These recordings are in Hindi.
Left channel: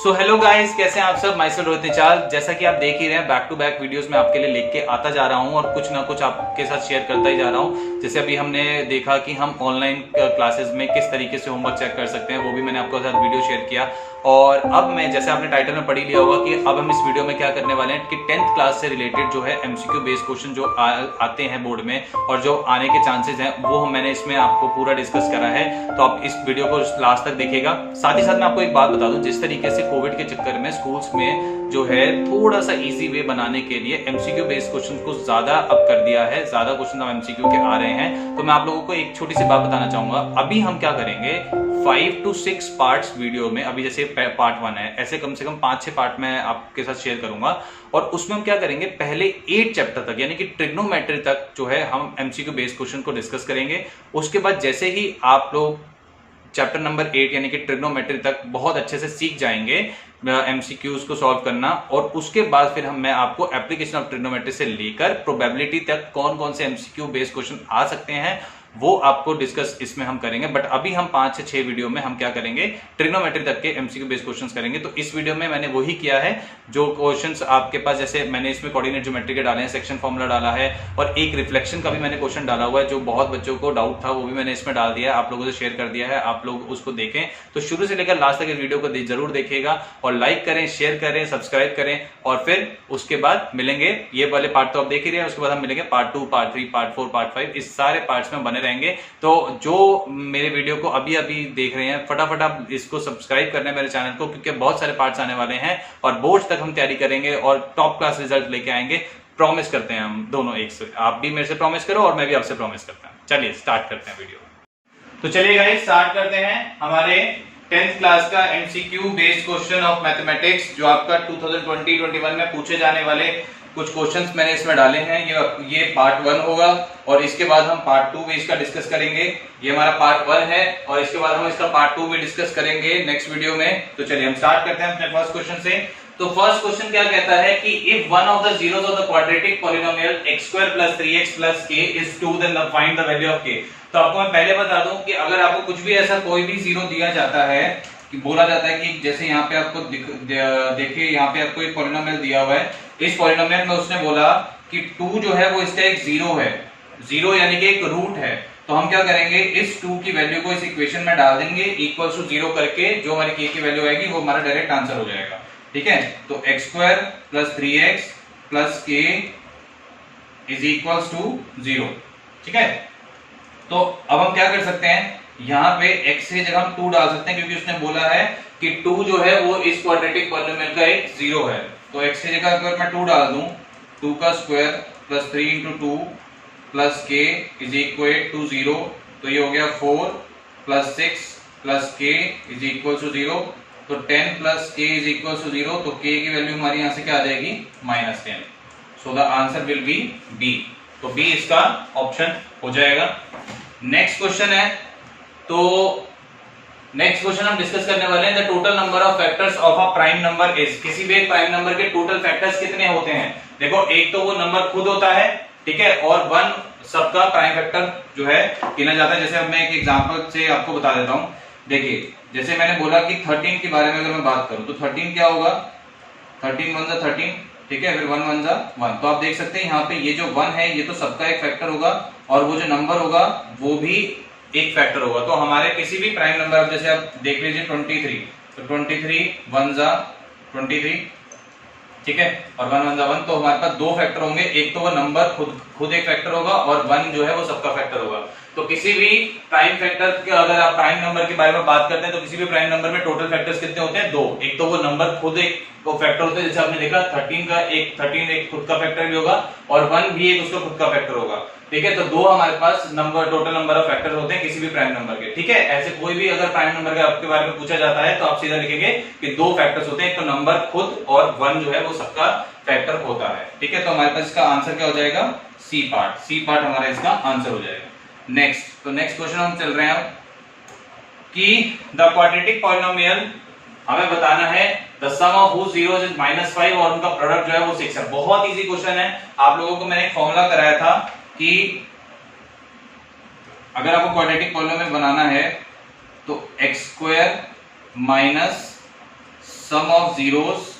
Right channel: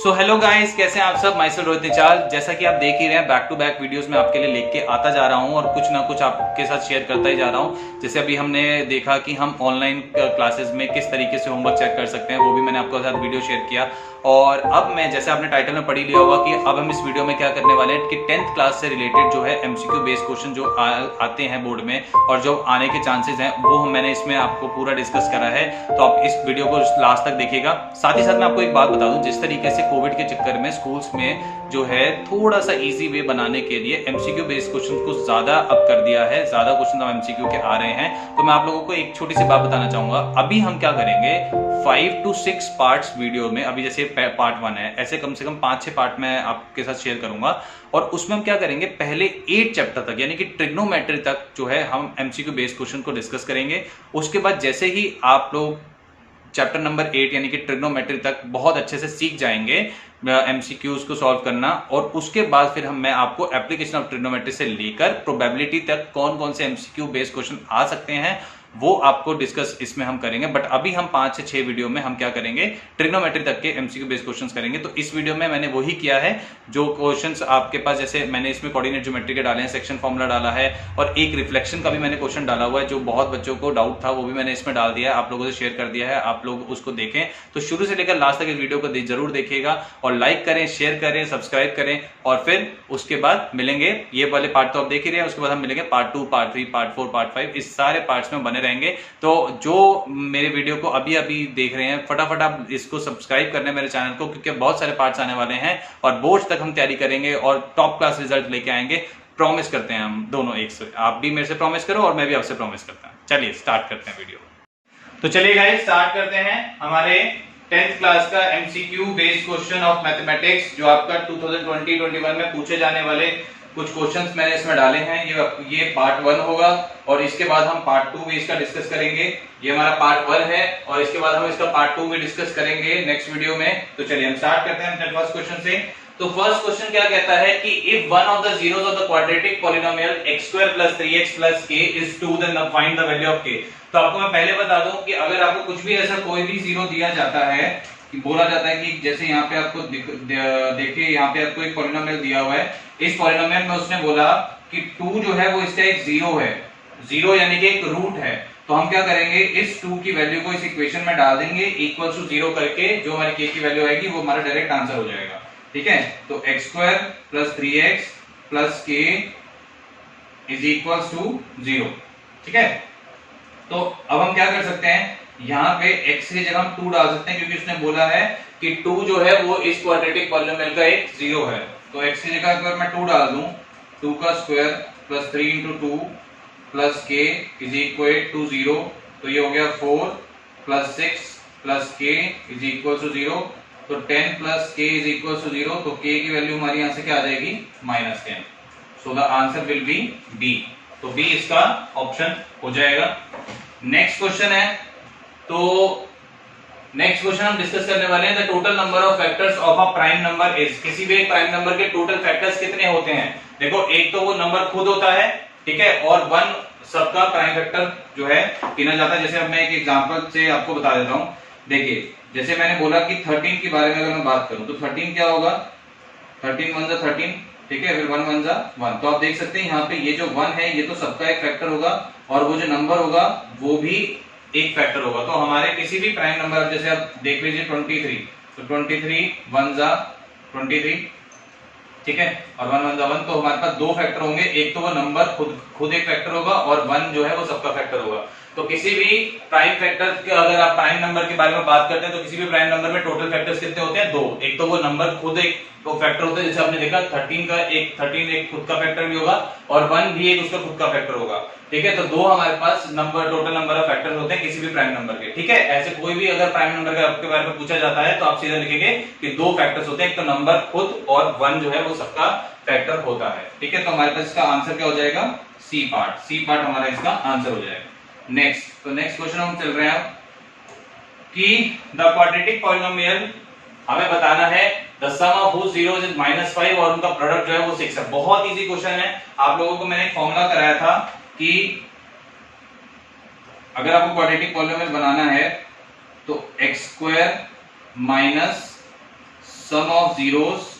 सो हेलो गाइस, कैसे हैं आप सब। Myself Rohit Nichal. जैसा कि आप देख ही रहे हैं, बैक टू बैक वीडियोस में आपके लिए लेके आता जा रहा हूं और कुछ ना कुछ आपके साथ शेयर करता ही जा रहा हूं। जैसे अभी हमने देखा कि हम ऑनलाइन क्लासेस में किस तरीके से होमवर्क चेक कर सकते हैं, वो भी मैंने आपके साथ वीडियो शेयर किया। और अब मैं, जैसे आपने टाइटल में पढ़ ही लिया होगा, कि अब हम इस वीडियो में क्या करने वाले हैं कि 10th क्लास से रिलेटेड जो है एमसीक्यू बेस्ड क्वेश्चन जो आते हैं बोर्ड में और जो आने के चांसेस हैं, वो मैंने इसमें आपको पूरा डिस्कस करा है। तो आप इस वीडियो को लास्ट तक देखिएगा। साथ ही साथ मैं आपको एक बात बता दूं, जिस तरीके से कोविड के चक्कर में स्कूल्स में जो है थोड़ा सा इजी वे बनाने के लिए एमसीक्यू बेस्ड क्वेश्चन को ज्यादा अप कर दिया है, ज्यादा क्वेश्चन अब एमसीक्यू के आ रहे हैं। तो मैं आप लोगों को एक छोटी सी बात बताना चाहूंगा। अभी हम क्या करेंगे, 5 to 6 पार्ट्स वीडियो में, अभी जैसे पार्ट 1 है, ऐसे कम से कम 5-6 पार्ट मैं आपके साथ शेयर करूंगा। और उसमें हम क्या करेंगे, पहले 8 चैप्टर तक यानी कि ट्रिग्नोमेट्री तक जो है हम एमसीक्यू बेस्ड क्वेश्चन को डिस्कस करेंगे। उसके बाद जैसे ही आप लोग चैप्टर नंबर 8 यानी कि ट्रिग्नोमेट्री तक बहुत अच्छे से सीख जाएंगे एमसीक्यूज को सॉल्व करना, और उसके बाद फिर मैं आपको एप्लीकेशन ऑफ ट्रिग्नोमेट्री से लेकर प्रोबेबिलिटी तक कौन कौन से एमसीक्यू बेस्ड क्वेश्चन आ सकते हैं वो आपको डिस्कस इसमें हम करेंगे। बट अभी हम 5 से 6 वीडियो में हम क्या करेंगे, ट्रिग्नोमेट्री तक के एमसीक्यू बेस्ड क्वेश्चंस करेंगे। तो इस वीडियो में मैंने वही किया है जो क्वेश्चंस आपके पास, जैसे मैंने इसमें कोऑर्डिनेट ज्योमेट्री के डाले हैं, सेक्शन फॉर्मूला डाला है, और एक रिफ्लेक्शन का भी मैंने क्वेश्चन डाला हुआ है जो बहुत बच्चों को डाउट था, वो भी मैंने इसमें डाल दिया है, आप लोगों से शेयर कर दिया है। आप लोग उसको देखें तो शुरू से लेकर लास्ट तक इस वीडियो को जरूर देखिएगा और लाइक करें, शेयर करें, सब्सक्राइब करें। और फिर उसके बाद मिलेंगे, ये वाले पार्ट तो आप देख ही रहे हैं, उसके बाद हम मिलेंगे पार्ट 2, पार्ट 3, पार्ट 4, पार्ट 5, इस सारे पार्ट्स में बने रहेंगे। तो जो मेरे वीडियो को अभी अभी देख रहे हैं, फटाफट आप इसको सब्सक्राइब करना है मेरे चैनल को, क्योंकि बहुत सारे पार्ट्स आने वाले हैं और बोर्ड तक हम तैयारी करेंगे और टॉप क्लास रिजल्ट लेके आएंगे। प्रॉमिस करते हैं हम दोनों एक से, आप भी मेरे से प्रॉमिस करो और मैं भी आपसे प्रॉमिस करता हूं। चलिए स्टार्ट करते हैं वीडियो। तो चलिए गाइस स्टार्ट करते हैं हमारे 10th क्लास का MCQ based question of mathematics, जो आपका 2020-21 में पूछे जाने वाले कुछ क्वेश्चंस मैंने इसमें डाले हैं। ये पार्ट 1 होगा और इसके बाद हम पार्ट 2 भी इसका डिस्कस करेंगे। ये हमारा पार्ट 1 है और इसके बाद हम इसका पार्ट 2 भी डिस्कस करेंगे नेक्स्ट वीडियो में। तो चलिए हम स्टार्ट करते हैं अपने फर्स्ट क्वेश्चन से। तो फर्स्ट क्वेश्चन क्या कहता है कि if one of the zeros of the quadratic polynomial x² + 3x + k is 2, then find the value of k। तो आपको मैं पहले बता दूं कि अगर आपको कुछ भी ऐसा कोई भी जीरो दिया जाता है, कि बोला जाता है कि जैसे यहाँ पे आपको देखिए, यहाँ पे आपको एक पॉलिनोमियल दिया हुआ है, इस पॉलिनोमियल में उसने बोला कि 2 जो है वो इसका एक जीरो है, जीरो यानी कि एक रूट है। तो हम क्या करेंगे, इस 2 की वैल्यू को इस इक्वेशन में डाल देंगे इक्वल टू 0 करके, जो हमारे k की वैल्यू आएगी वो हमारा डायरेक्ट आंसर हो जाएगा। ठीक है, तो x² + 3x + k is equal to 0। ठीक है, तो अब हम क्या कर सकते हैं, यहाँ पे x की जगह हम 2 डाल सकते हैं, क्योंकि उसने बोला है कि 2 जो है वो इस क्वाड्रेटिक पॉलिनोमियल का एक जीरो है। तो x की जगह अगर मैं 2 डाल दूं, 2 का square + 3 × 2 + k is equal to 0, तो ये हो गया 4 + 6 + k इज इक्वल टू 0। तो 10 + k इज इक्वल टू 0, तो k की वैल्यू हमारी यहां से क्या आ जाएगी, -10। So the answer will be B. तो बी इसका ऑप्शन हो जाएगा। नेक्स्ट क्वेश्चन है, तो नेक्स्ट क्वेश्चन हम डिस्कस करने वाले हैं, the total number of factors of a prime number is. किसी भी एक प्राइम नंबर के टोटल फैक्टर्स कितने होते हैं। देखो, एक तो वो नंबर खुद होता है, ठीक है, और 1 सबका प्राइम फैक्टर जो है गिना जाता है। जैसे अब मैं एक एग्जांपल से आपको बता देता हूं। देखिए, जैसे मैंने बोला कि 13 के बारे में अगर मैं बात करूं, तो 13 क्या होगा, 13 × 1 = 13, ठीक है, फिर 1 × 1 = 1। तो आप देख सकते हैं यहाँ पे ये जो 1 है ये तो सबका एक फैक्टर होगा, और वो जो नंबर होगा वो भी एक फैक्टर होगा। तो हमारे किसी भी प्राइम नंबर, जैसे आप देख लीजिए 23, तो 23 1 = 23, ठीक है, और 1 1 = 1। तो हमारे पास 2 फैक्टर होंगे, एक तो वो नंबर खुद एक फैक्टर होगा, और 1 जो है वो सबका फैक्टर होगा। तो किसी भी प्राइम फैक्टर के, अगर आप प्राइम नंबर के बारे में बात करते हैं, तो किसी भी प्राइम नंबर में टोटल फैक्टर्स कितने होते हैं, 2। एक तो वो नंबर खुद एक फैक्टर होता है, जैसे आपने देखा 13 एक खुद का फैक्टर भी होगा, और 1 भी एक उसका खुद का फैक्टर होगा। ठीक है, तो 2 हमारे पास number, total number of factors होते हैं किसी भी प्राइम नंबर के। ठीक है, ऐसे कोई भी अगर प्राइम नंबर के आपके बारे में पूछा जाता है, तो आप सीधा लिखेंगे कि 2 फैक्टर्स होते हैं, एक तो नंबर खुद, और 1 जो है वो सबका फैक्टर होता है। ठीक है, तो हमारे पास इसका आंसर क्या हो जाएगा, सी पार्ट हमारा इसका आंसर हो जाएगा। नेक्स्ट, तो नेक्स्ट क्वेश्चन हम चल रहे हैं कि द क्वाड्रेटिक पॉलिनोमियल, हमें बताना है the sum of whose zeros is -5 और उनका प्रोडक्ट जो है वो 6 है। बहुत इजी क्वेश्चन है। आप लोगों को मैंने एक फॉर्मूला कराया था कि अगर आपको क्वाड्रेटिक पॉलिनोमियल बनाना है तो x² - sum of zeros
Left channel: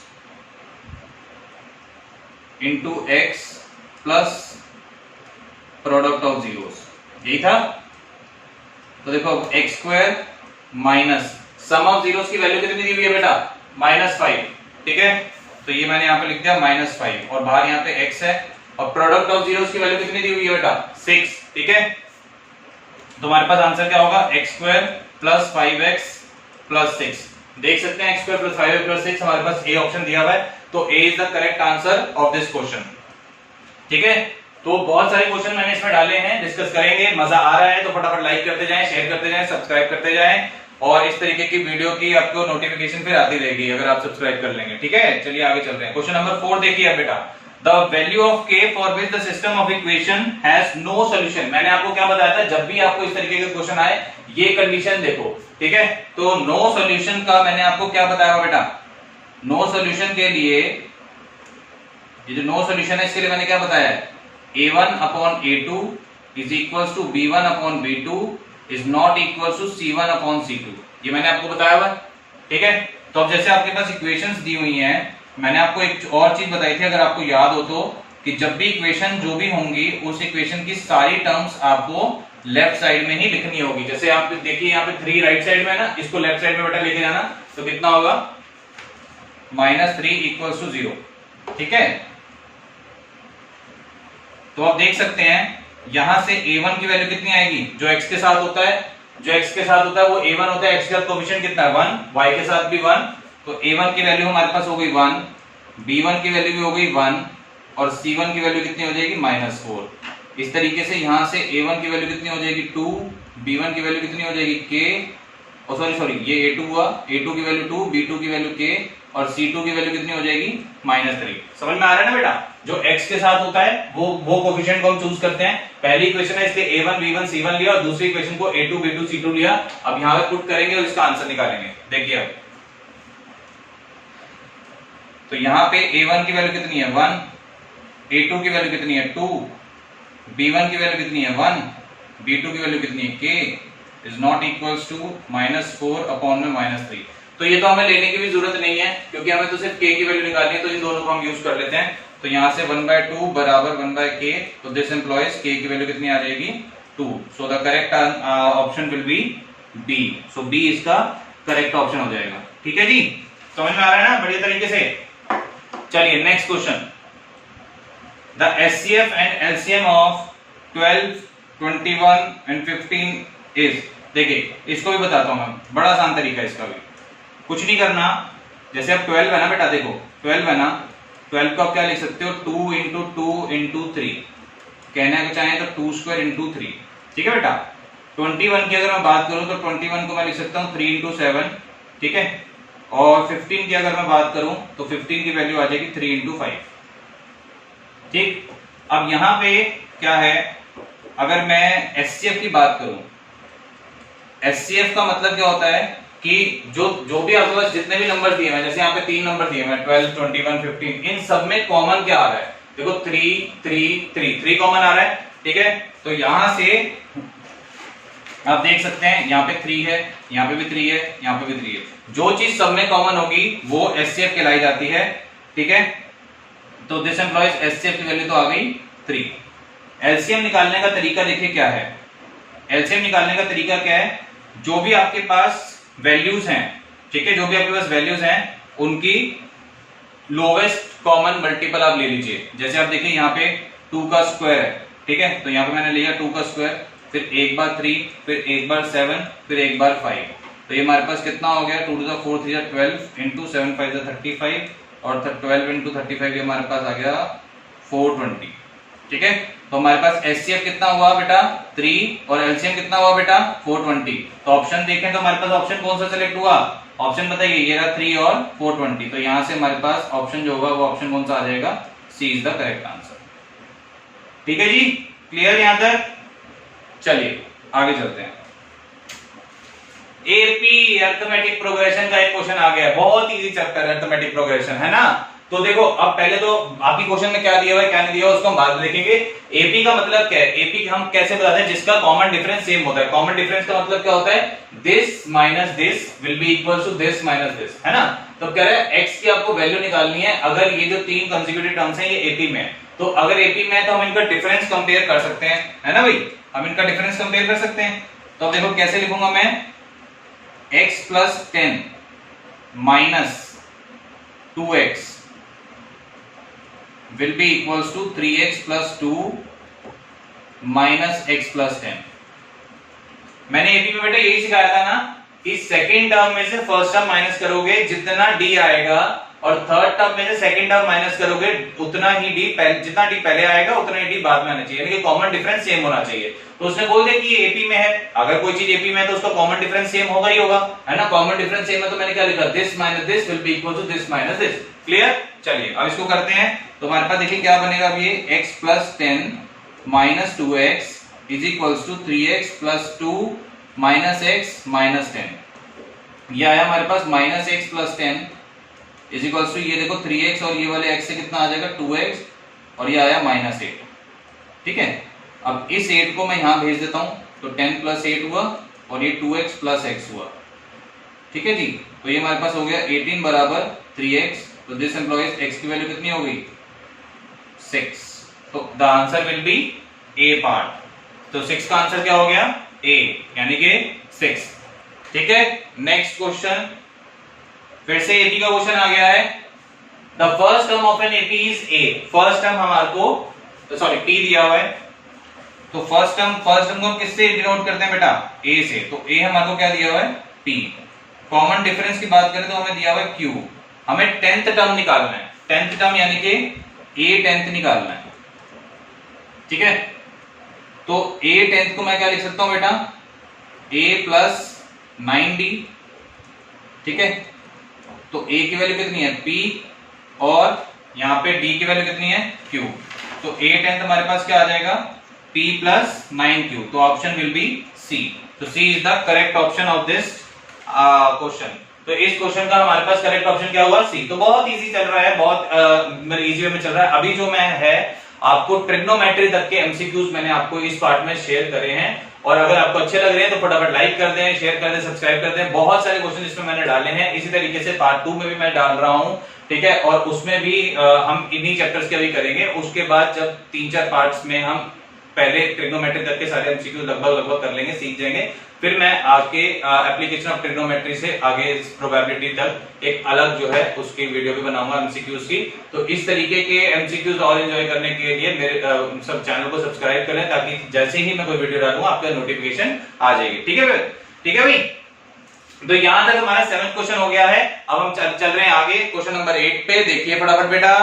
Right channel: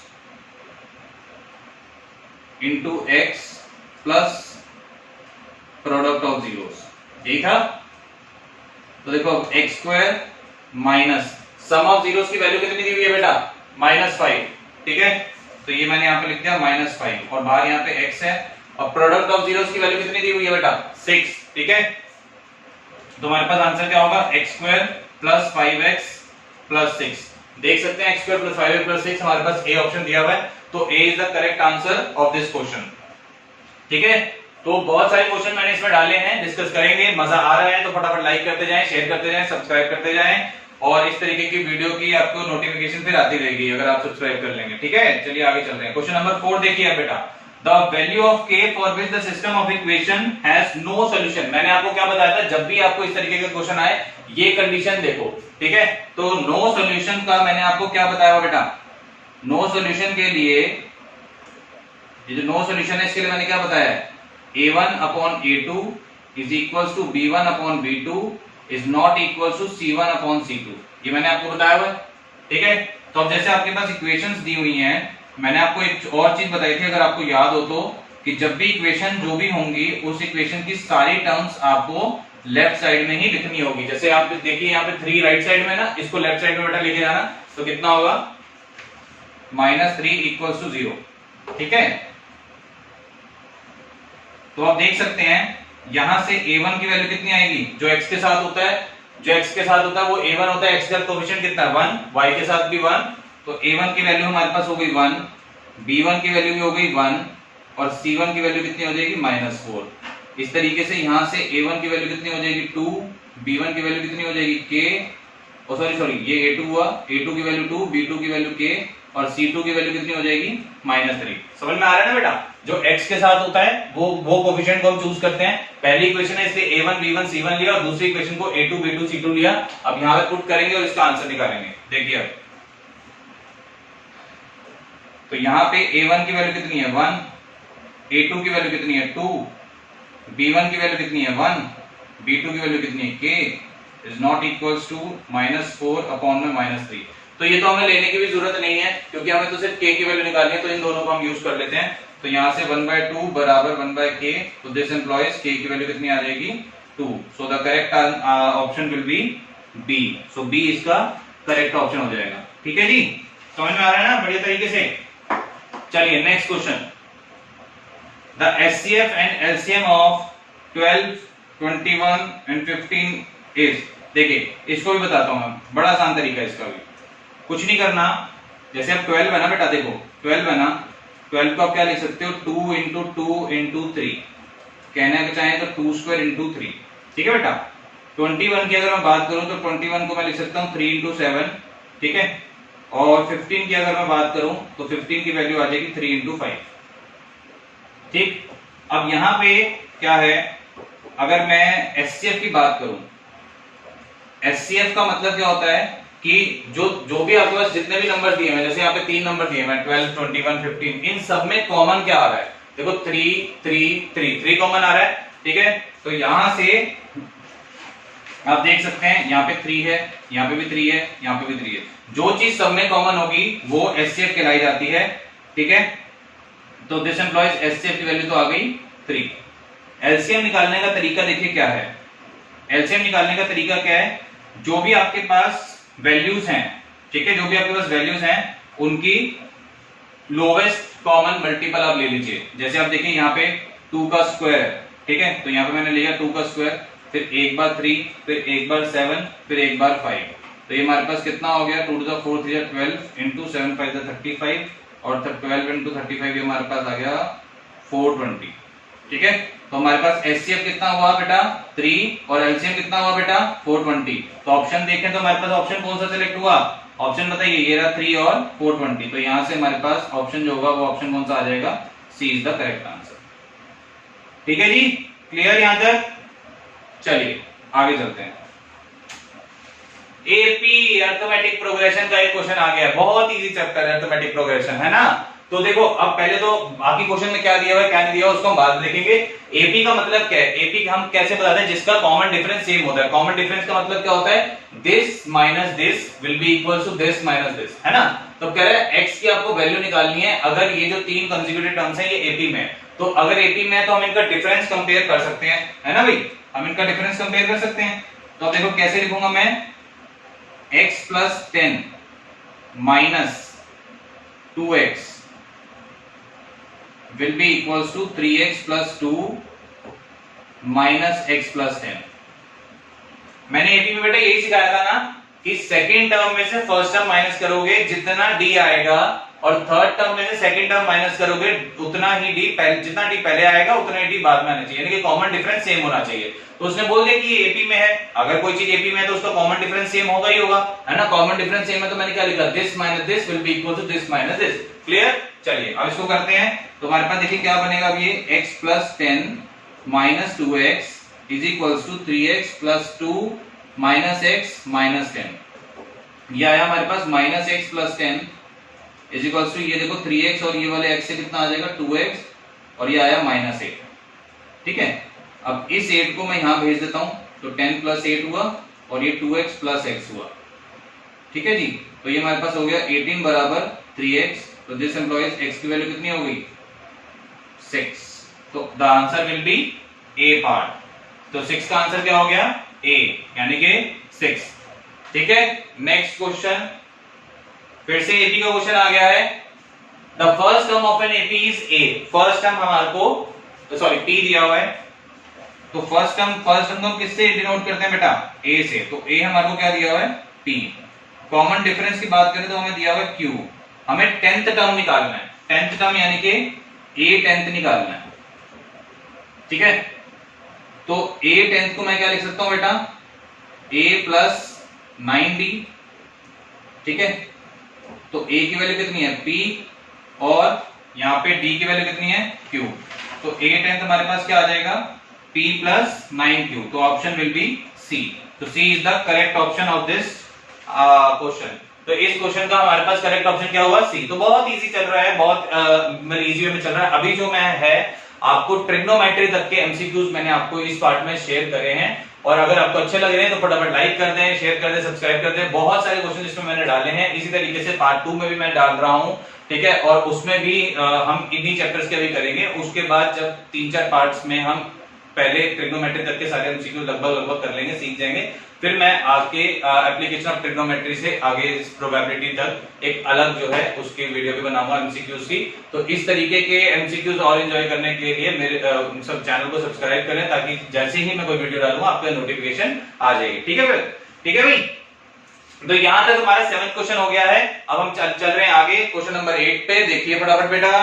into x plus product of zeros, ठीक है। तो देखो x square minus sum of zeros की वैल्यू कितनी दी हुई है बेटा, -5, ठीक है। तो ये मैंने यहाँ पे लिख दिया -5 और बाहर यहाँ पे x है और प्रोडक्ट ऑफ जीरोस की वैल्यू कितनी दी हुई है बेटा, 6, ठीक है। तो हमारे पास आंसर क्या होगा, x square plus 5x plus 6। देख सकते हैं x square plus 5x plus 6 हमारे पास ए ऑप्शन दिया हुआ है, तो A is the correct answer of this question, ठीक है। तो बहुत सारे क्वेश्चन मैंने इसमें डाले हैं, डिस्कस करेंगे। मजा आ रहा है तो फटाफट लाइक करते जाएं, शेयर करते जाएं, सब्सक्राइब करते जाएं और इस तरीके की वीडियो की आपको नोटिफिकेशन फिर आती रहेगी अगर आप सब्सक्राइब कर लेंगे, ठीक है। चलिए आगे चल रहे हैं। क्वेश्चन नंबर 4 देखिए बेटा, the value of k for which the system of equation has no solution. मैंने आपको क्या बताया था, जब भी आपको इस तरीके का क्वेश्चन आए ये कंडीशन देखो, ठीक है। तो नो सॉल्यूशन का मैंने आपको क्या बताया बेटा, नो सॉल्यूशन के लिए, ये जो नो सॉल्यूशन है इसके लिए मैंने क्या बताया है, a1 upon a2 is equal to b1 upon b2 is not equal to c1 upon c2, ये मैंने आपको बताया हुआ, ठीक है। तो अब जैसे आपके पास इक्वेशंस दी हुई हैं, मैंने आपको एक और चीज बताई थी अगर आपको याद हो तो, कि जब भी इक्वेशन जो भी होंगी उस इक्वेशन की सारी टर्म्स आपको लेफ्ट साइड में ही लिखनी होगी। जैसे आप देखिए यहाँ पे 3 राइट साइड में है ना, इसको लेफ्ट साइड में बेटा लेके जाना, तो कितना होगा, -3 इक्वल टू 0, ठीक है। तो आप देख सकते हैं यहां से a1 की वैल्यू कितनी आएगी, जो x के साथ होता है, जो x के साथ होता है वो a1 होता है, x का कोएफिशिएंट कितना है 1, y के साथ भी 1, तो a1 की वैल्यू हमारे पास हो गई 1, b1 की वैल्यू भी हो गई 1 और c1 की वैल्यू कितनी हो जाएगी -4। इस तरीके से यहां से a1 की वैल्यू कितनी हो जाएगी 2, b1 की वैल्यू कितनी हो जाएगी k, और सॉरी ये a2 हुआ, a2 की वैल्यू 2, b2 की वैल्यू k और c2 की वैल्यू कितनी हो जाएगी -3। समझ में आ रहा है ना बेटा, जो x के साथ होता है वो कोएफिशिएंट को हम चूज करते हैं। पहली इक्वेशन है इसलिए a1 b1 c1 लिया और दूसरी इक्वेशन को a2 b2 c2 लिया। अब यहां पे पुट करेंगे और इसका आंसर निकालेंगे। देखिए अब तो यहां पे a1 की वैल्यू कितनी है 1, a2 की वैल्यू कितनी है 2, b1 की वैल्यू कितनी है 1, b2 की वैल्यू कितनी है k is not equals to -4 upon में -3। तो ये तो हमें लेने की भी जरूरत नहीं है क्योंकि हमें तो सिर्फ k की वैल्यू निकालनी है, तो इन दोनों को हम यूज कर लेते हैं। तो यहां से 1/2 बराबर 1/k, तो दिस एम्प्लॉयज k की वैल्यू कितनी आ जाएगी 2। सो the correct option will be B। So B इसका करेक्ट ऑप्शन हो जाएगा, ठीक है जी। समझ में आ रहा है ना बढ़िया तरीके से। चलिए next question, the SCF and LCM of 12, 21 and 15 is. देखिए इसको भी बताता हूं मैं, बड़ा आसान तरीका है इसका भी, कुछ नहीं करना। जैसे अब 12 है ना बेटा, देखो 12 है ना, 12 को आप क्या लिख सकते हो 2 इंटू 2 इंटू 3, कहने को चाहे तो 2 स्क्वायर इंटू 3, ठीक है बेटा। 21 की अगर मैं बात करूं तो 21 को मैं लिख सकता हूं 3 इंटू 7, ठीक है। और 15 की अगर मैं बात करूं तो 15 की वैल्यू आ जाएगी 3 इंटू 5, ठीक। अब यहां पे क्या है, अगर मैं SCF की बात करूं, SCF का मतलब क्या होता है कि जो भी आपके पास जितने भी नंबर दिए हैं, जैसे यहाँ पे 3 नंबर दिए हैं 12, 21, 15, इन सब में कॉमन क्या आ रहा है, देखो 3 कॉमन आ रहा है, ठीक है। तो यहां से आप देख सकते हैं यहाँ पे 3 है, यहाँ पे भी 3 है, यहाँ पे भी 3 है। जो चीज सब में कॉमन होगी वो SCF कहलाई जाती है, ठीक है। तो दिस एम्प्लॉयज SCF की वैल्यू तो आ गई 3। LCM निकालने का तरीका देखिए क्या है, LCM निकालने का तरीका क्या है, जो भी आपके पास वैल्यूज हैं, ठीक है, जो भी आपके पास वैल्यूज हैं उनकी लोवेस्ट कॉमन मल्टीपल आप ले लीजिए। जैसे आप देखिए यहाँ पे 2 का स्क्वायर, ठीक है, तो यहाँ पे मैंने लिया 2 का स्क्वायर, फिर एक बार 3, फिर एक बार 7, फिर एक बार 5, तो ये हमारे पास कितना हो गया 2 to the 4 3 12 इंटू 7 5 35 और 12 इंटू 35 ये हमारे पास आ गया 420, ठीक है। तो हमारे पास SCF कितना हुआ बेटा 3 और LCM कितना हुआ बेटा 420। तो ऑप्शन देखें तो हमारे पास ऑप्शन कौन सा सिलेक्ट हुआ, ऑप्शन बताइए, ये रहा 3 और 420। तो यहां से हमारे पास ऑप्शन जो होगा वो ऑप्शन कौन सा आ जाएगा, C is the correct answer, ठीक है जी। क्लियर यहां तक, चलिए आगे चलते हैं। AP अरिथमेटिक प्रोग्रेशन का एक क्वेश्चन आ गया, बहुत इजी चैप्टर अरिथमेटिक प्रोग्रेशन है ना। तो देखो अब पहले तो बाकी क्वेश्चन में क्या दिया हुआ है क्या नहीं दिया हुआ उसको हम बाद में देखेंगे। एपी का मतलब क्या है, एपी हम कैसे बताते हैं, जिसका कॉमन डिफरेंस सेम होता है। कॉमन डिफरेंस का मतलब क्या होता है, this minus this will be equal to this minus this, है ना। तो कह रहे हैं एक्स की आपको वैल्यू निकालनी है। अगर ये जो तीन कंसेक्यूटिव टर्म्स हैं ये एपी में, तो अगर एपी में है तो हम इनका डिफरेंस कंपेयर कर सकते हैं, है ना भाई, हम इनका डिफरेंस कंपेयर कर सकते हैं। तो अब देखो कैसे लिखूंगा मैं, x plus 10 minus 2x will be equals to 3x plus 2 minus x plus 10। मैंने एपी में बेटा यही सिखाया था ना कि सेकंड टर्म में से फर्स्ट टर्म माइनस करोगे जितना डी आएगा, और थर्ड टर्म में से सेकंड टर्म माइनस करोगे उतना ही डी जितना डी पहले आएगा उतना ही डी बाद में आना चाहिए, यानी कि कॉमन डिफरेंस सेम होना चाहिए। तो उसने बोल दिया कि ये एपी में है, अगर कोई चीज एपी में है तो उसका कॉमन डिफरेंस सेम होगा ही होगा, है ना। कॉमन डिफरेंस सेम है तो मैंने क्या लिखा, this minus this will be equal to this minus this. Clear, चलिए अब इसको करते हैं। तो हमारे पास देखिए क्या बनेगा, अब ये x plus 10 minus 2x is equals to 3x plus 2 minus x minus 10। ये आया हमारे पास minus x plus 10 is equals to, ये देखो 3x और ये वाले x से कितना आ जाएगा 2x, और ये आया माइनस 8। ठीक है, अब इस 8 को मैं यहां भेज देता हूं, तो 10 प्लस 8 हुआ और ये 2x प्लस x हुआ। ठीक है जी, तो ये हमारे पास हो गया 18 बराबर 3x। तो दिस एम्प्लॉइज x की वैल्यू कितनी हो गई 6। तो the answer will B A part. तो 6 का आंसर क्या हो गया ए, यानी कि 6। ठीक है, नेक्स्ट क्वेश्चन, फिर से एपी का क्वेश्चन आ गया है। The first term of an AP is a. First term हमारे को सॉरी टी दिया हुआ है, तो फर्स्ट टर्म को हम किससे डिनोट करते हैं बेटा, ए से। तो ए हमारे को क्या दिया हुआ है पी। कॉमन डिफरेंस की बात करें तो हमें दिया हुआ है क्यू। हमें 10th टर्म निकालना है, 10th टर्म यानी कि a 10th निकालना है। ठीक है, तो a 10th को मैं क्या लिख सकता हूं बेटा, a प्लस 9d। ठीक है, तो a की वैल्यू कितनी है p, और यहां पे d की वैल्यू कितनी है q। तो a 10th हमारे पास क्या आ जाएगा p प्लस 9q। तो ऑप्शन विल बी c। तो c is the correct option of this question. तो इस क्वेश्चन का हमारे पास करेक्ट ऑप्शन क्या हुआ सी। तो बहुत इजी चल रहा है, बहुत इजी वे में चल रहा है। अभी जो मैं है आपको ट्रिग्नोमेट्री तक के एमसीक्यूज मैंने आपको इस पार्ट में शेयर करे हैं, और अगर आपको अच्छे लग रहे हैं तो फटाफट लाइक कर दें, शेयर कर दें, सब्सक्राइब कर दें। बहुत सारे क्वेश्चन इसमें मैंने डाले हैं, इसी तरीके से पार्ट 2 में भी मैं डाल रहा हूं। ठीक है, और उसमें भी हम इन्हीं चैप्टर्स के भी करेंगे। उसके बाद जब 3-4 पार्ट्स में हम पहले ट्रिग्नोमेट्री तक के सारे एमसीक्यू लगभग कर लेंगे, सीख जाएंगे, फिर मैं आगे एप्लीकेशन ऑफ ट्रिग्नोमेट्री से आगे प्रोबेबिलिटी तक एक अलग जो है उसकी वीडियो भी बनाऊंगा एमसीक्यूज की। तो इस तरीके के एमसीक्यूज और एंजॉय करने के लिए मेरे सब चैनल को सब्सक्राइब करें, ताकि जैसे ही मैं कोई वीडियो डालूंगा आपका नोटिफिकेशन आ जाएगी। ठीक है, ठीक है भाई। तो यहां तक हमारा 7th क्वेश्चन हो गया है। अब हम चल रहे हैं आगे क्वेश्चन नंबर 8 पे। देखिए फटाफट बेटा,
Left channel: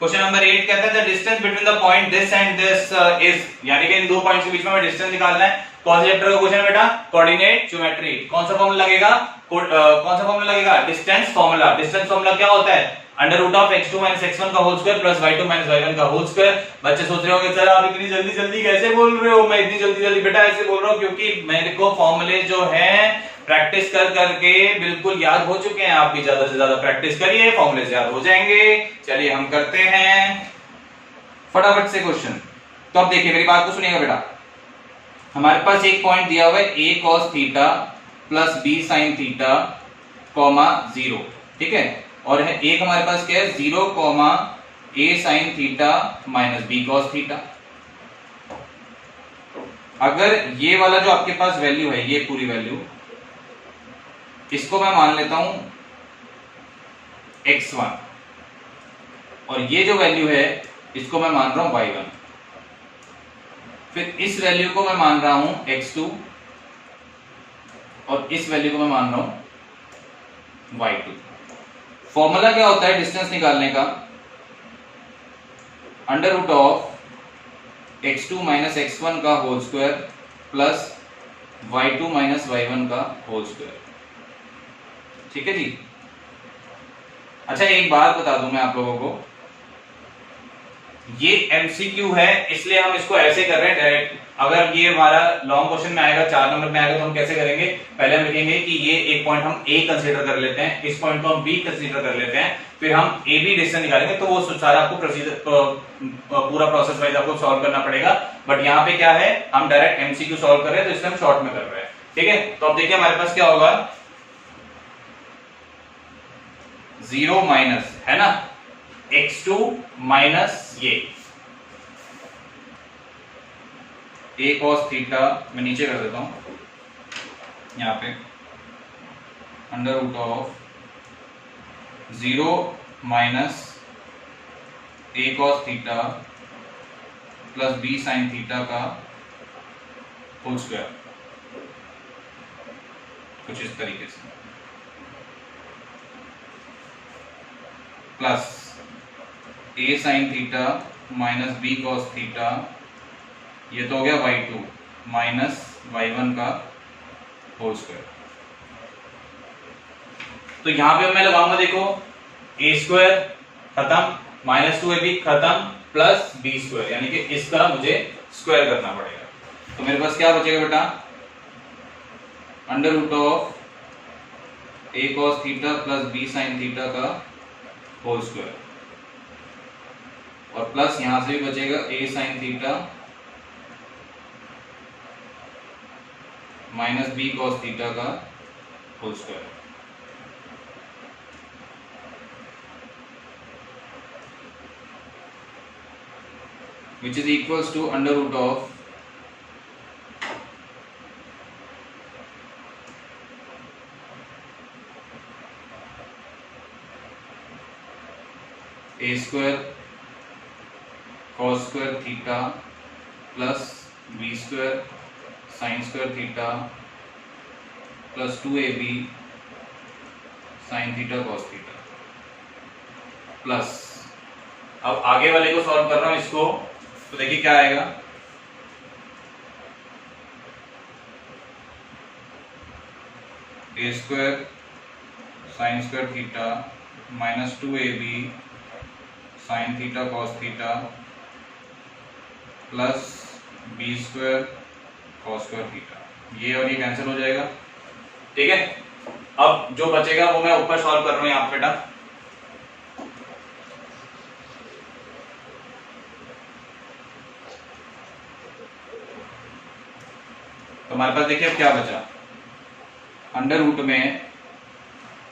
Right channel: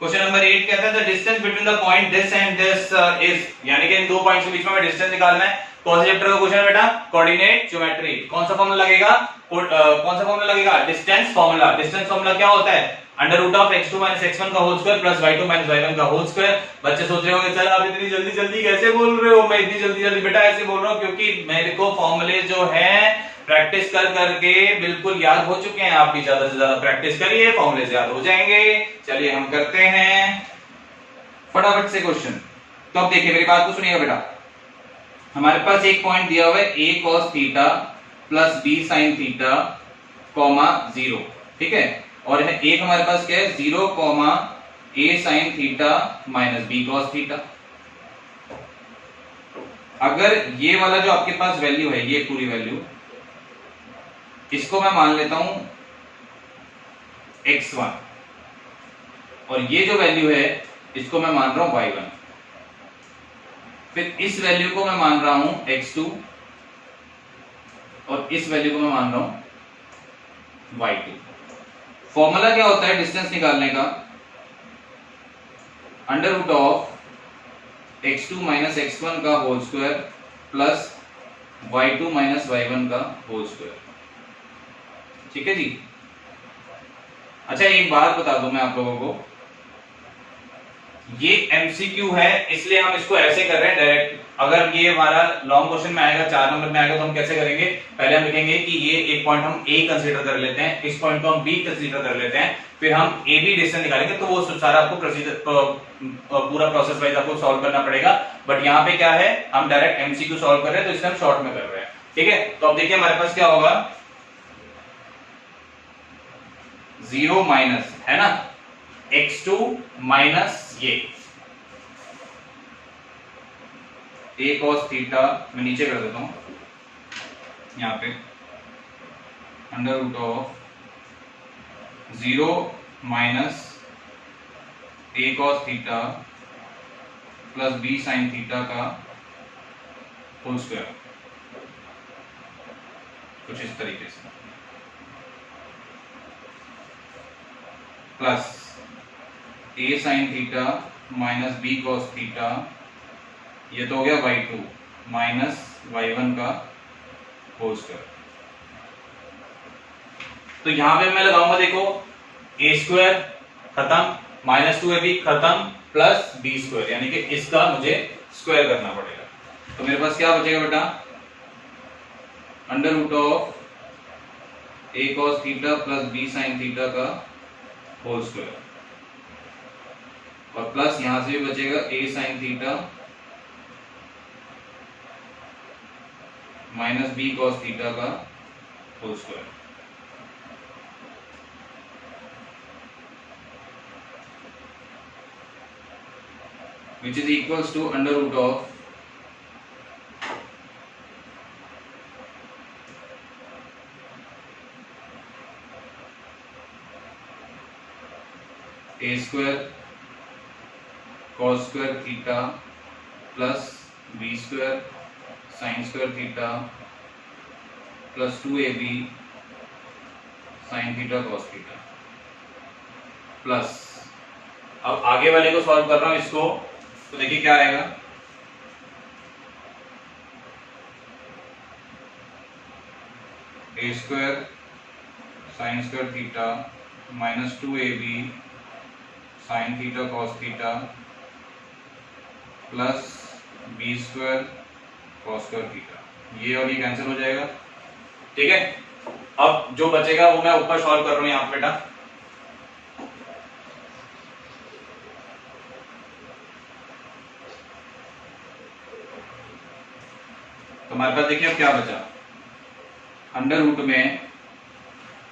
क्वेश्चन नंबर 8 कहता है the distance between the point this and this is, यानी कि इन दो पॉइंट्स के बीच में हमें डिस्टेंस निकालना है। कौन से चैप्टर का क्वेश्चन है बेटा, कोऑर्डिनेट ज्योमेट्री। कौन सा फॉर्मूला लगेगा, डिस्टेंस फॉर्मूला। डिस्टेंस फॉर्मूला क्या होता है, under root of x2 minus x1 का whole square plus y2 minus y1 का होल स्क्वायर। बच्चे सोच रहे होंगे सर आप इतनी जल्दी जल्दी कैसे बोल रहे हो। मैं इतनी जल्दी जल्दी बेटा ऐसे बोल रहा हूँ क्योंकि मेरे को फॉर्मूले जो है प्रैक्टिस कर करके बिल्कुल याद हो चुके हैं। आप भी ज्यादा से ज्यादा प्रैक्टिस करिए, फॉर्मूले याद हो जाएंगे। चलिए हम करते हैं फटाफट से क्वेश्चन। तो अब देखिए मेरी बात को सुनिएगा बेटा, हमारे पास एक पॉइंट दिया हुआ है a cos theta plus b sin theta comma 0। ठीक है, और एक हमारे पास क्या है 0 comma a sin theta minus b cos theta. अगर ये वाला जो आपके पास वैल्यू है, ये पूरी वैल्यू, इसको मैं मान लेता हूं x1, और ये जो वैल्यू है इसको मैं मान रहा हूं y1। फिर इस वैल्यू को मैं मान रहा हूं x2, और इस वैल्यू को मैं मान रहा हूं y2। फॉर्मूला क्या होता है डिस्टेंस निकालने का, under root of x2 minus x1 का whole square plus y2 minus y1 का होल स्क्वायर। ठीक है जी। अच्छा एक बात बता दूं मैं आप लोगों को, ये एमसीक्यू है इसलिए हम इसको ऐसे कर रहे हैं डायरेक्ट। अगर ये हमारा लॉन्ग क्वेश्चन में आएगा, 4 नंबर में आएगा, तो हम कैसे करेंगे, पहले हम लिखेंगे कि ये एक पॉइंट हम ए कंसीडर कर लेते हैं, इस पॉइंट को हम बी कंसीडर कर लेते हैं, फिर हम ए बी डिस्टेंस निकालेंगे। तो वो सारा आपको प्रोसीजर पूरा प्रोसेस वाइज आपको सॉल्व करना पड़ेगा। बट यहाँ पे क्या है, हम डायरेक्ट एमसीक्यू सॉल्व कर रहे हैं, तो इसलिए हम शॉर्ट में कर रहे हैं। ठीक है, तो अब देखिए हमारे पास क्या होगा, 0 माइनस है ना x2 माइनस ये a cos थीटा, मैं नीचे कर देता हूं यहाँ पे, under root of 0 minus a cos theta plus b sin theta का होल स्क्वायर, कुछ इस तरीके से, plus a sin theta minus b cos theta, ये तो हो गया y2 माइनस y1 का होल स्क्वायर। तो यहां पे मैं लगाऊंगा, देखो a स्क्वायर खत्म, माइनस 2ab खत्म, प्लस b स्क्वायर, यानी कि इसका मुझे स्क्वायर करना पड़ेगा। तो मेरे पास क्या बचेगा बेटा, under root of a cos theta plus b sin theta का होल स्क्वायर, और प्लस यहां से भी बचेगा a sin theta minus b cos theta का whole square. Which is equals to under root of a square cos square theta plus b square sine square theta plus 2ab sine theta cos theta, plus अब आगे वाले को सॉल्व कर रहा हूं इसको, तो देखिए क्या आएगा, a square sine square theta minus 2ab sine theta cos theta plus b square cos square theta, ये और ये कैंसिल हो जाएगा। ठीक है, अब जो बचेगा वो मैं ऊपर सॉल्व कर रहा हूं यहां पे बेटा। तो हमारे पास देखिए अब क्या बचा, अंडर रूट में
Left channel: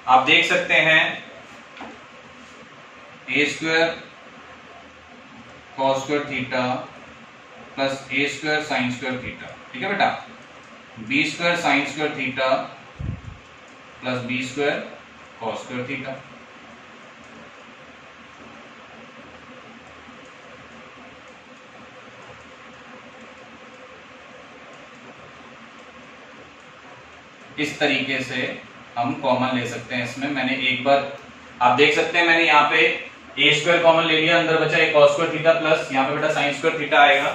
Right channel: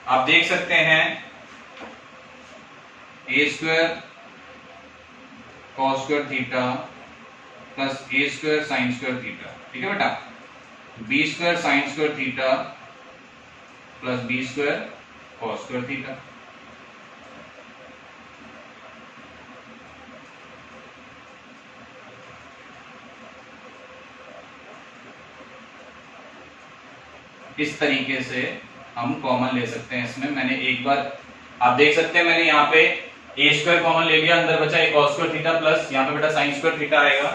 आप देख सकते हैं a square cos square theta plus a square sine square theta. ठीक है बेटा, b square sine square theta plus b square cos square theta. इस तरीके से हम कॉमन ले सकते हैं इसमें। मैंने एक बार आप देख सकते हैं, मैंने यहाँ पे a स्क्वायर कॉमन ले लिया, अंदर बचा एक cos स्क्वायर थीटा प्लस यहाँ पे बेटा साइन स्क्वायर थीटा आएगा,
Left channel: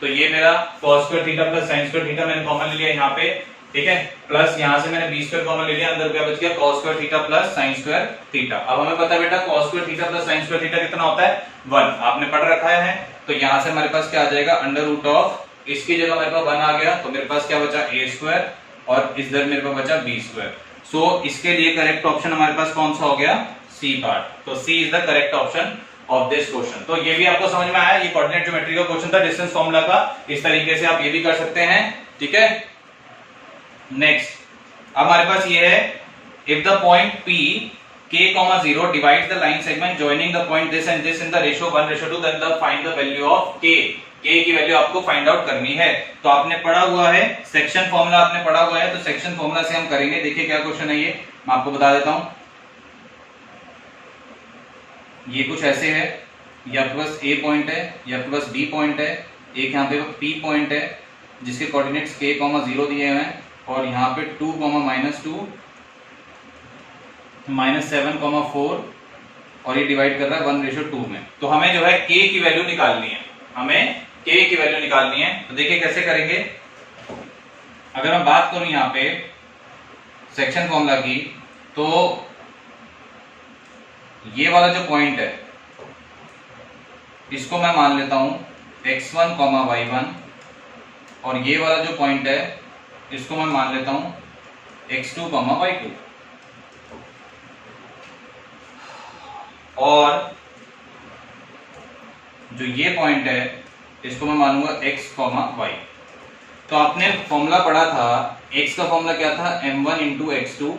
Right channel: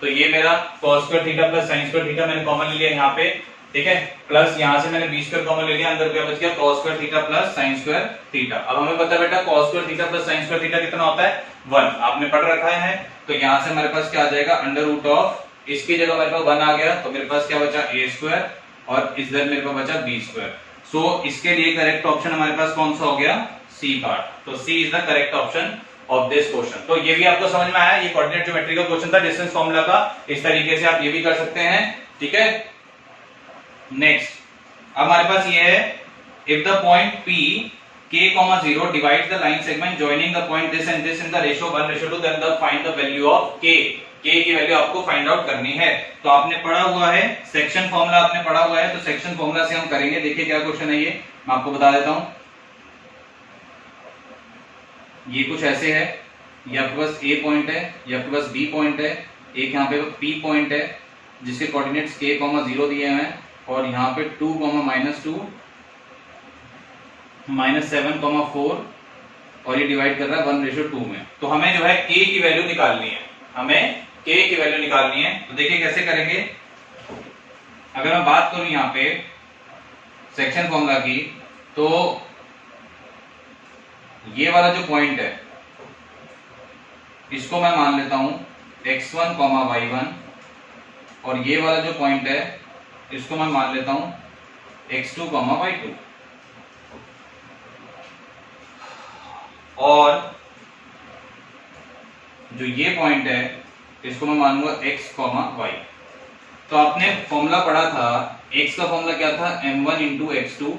तो ये मेरा cos square theta plus sign square theta मैंने कॉमन ले लिया यहाँ पे। ठीक है, प्लस यहाँ से मैंने b स्क्वायर कॉमन ले लिया, अंदर क्या बच गया cos square theta plus sign square theta. अब हमें पता है बेटा cos square theta plus sign square theta कितना होता है, 1, आपने पढ़ रखा है। तो यहाँ से हमारे पास क्या आ जाएगा, अंडर रूट ऑफ, इसकी जगह मेरे पास 1 आ गया, तो मेरे पास क्या बचा a स्क्वायर, और इधर मेरे पास बचा b स्क्वायर। सो इसके लिए करेक्ट ऑप्शन हमारे पास कौन सा हो गया, सी पार्ट। तो C is the correct option of this question. तो ये भी आपको समझ में आया, ये कोऑर्डिनेट ज्योमेट्री का क्वेश्चन था, डिस्टेंस फार्मूला का। इस तरीके से आप ये भी कर सकते हैं। ठीक है, नेक्स्ट अब हमारे पास ये है, if the point P k, 0 divide the line segment joining the point this and this in the ratio 1:2, then the find the value of k। k की वैल्यू आपको फाइंड आउट करनी है। तो आपने पढ़ा हुआ है सेक्शन फार्मूला, आपने पढ़ा हुआ है, तो सेक्शन फार्मूला से हम करेंगे। देखिए क्या क्वेश्चन है ये, मैं आपको बता देता हूं। ये कुछ ऐसे है, ये आपके पास A पॉइंट है, ये आपके पास B पॉइंट है, एक यहाँ पे P पॉइंट है जिसके कोऑर्डिनेट्स k, 0 दिए हुए हैं, और यहाँ पे 2, -2, -7, 4, और ये डिवाइड कर रहा है 1:2 में। तो हमें जो है k की वैल्यू निकालनी है, हमें k की वैल्यू निकालनी है। तो देखिए कैसे करेंगे, अगर मैं बात करूं यहाँ पे सेक्शन फॉर्मूला की, तो ये वाला जो पॉइंट है इसको मैं मान लेता हूं x1, y1, और ये वाला जो पॉइंट है इसको मैं मान लेता हूं x2, y2, और जो ये पॉइंट है इसको मैं मानूंगा x, y। तो आपने फॉर्मूला पढ़ा था, x का फॉर्मूला क्या था, m1 into x2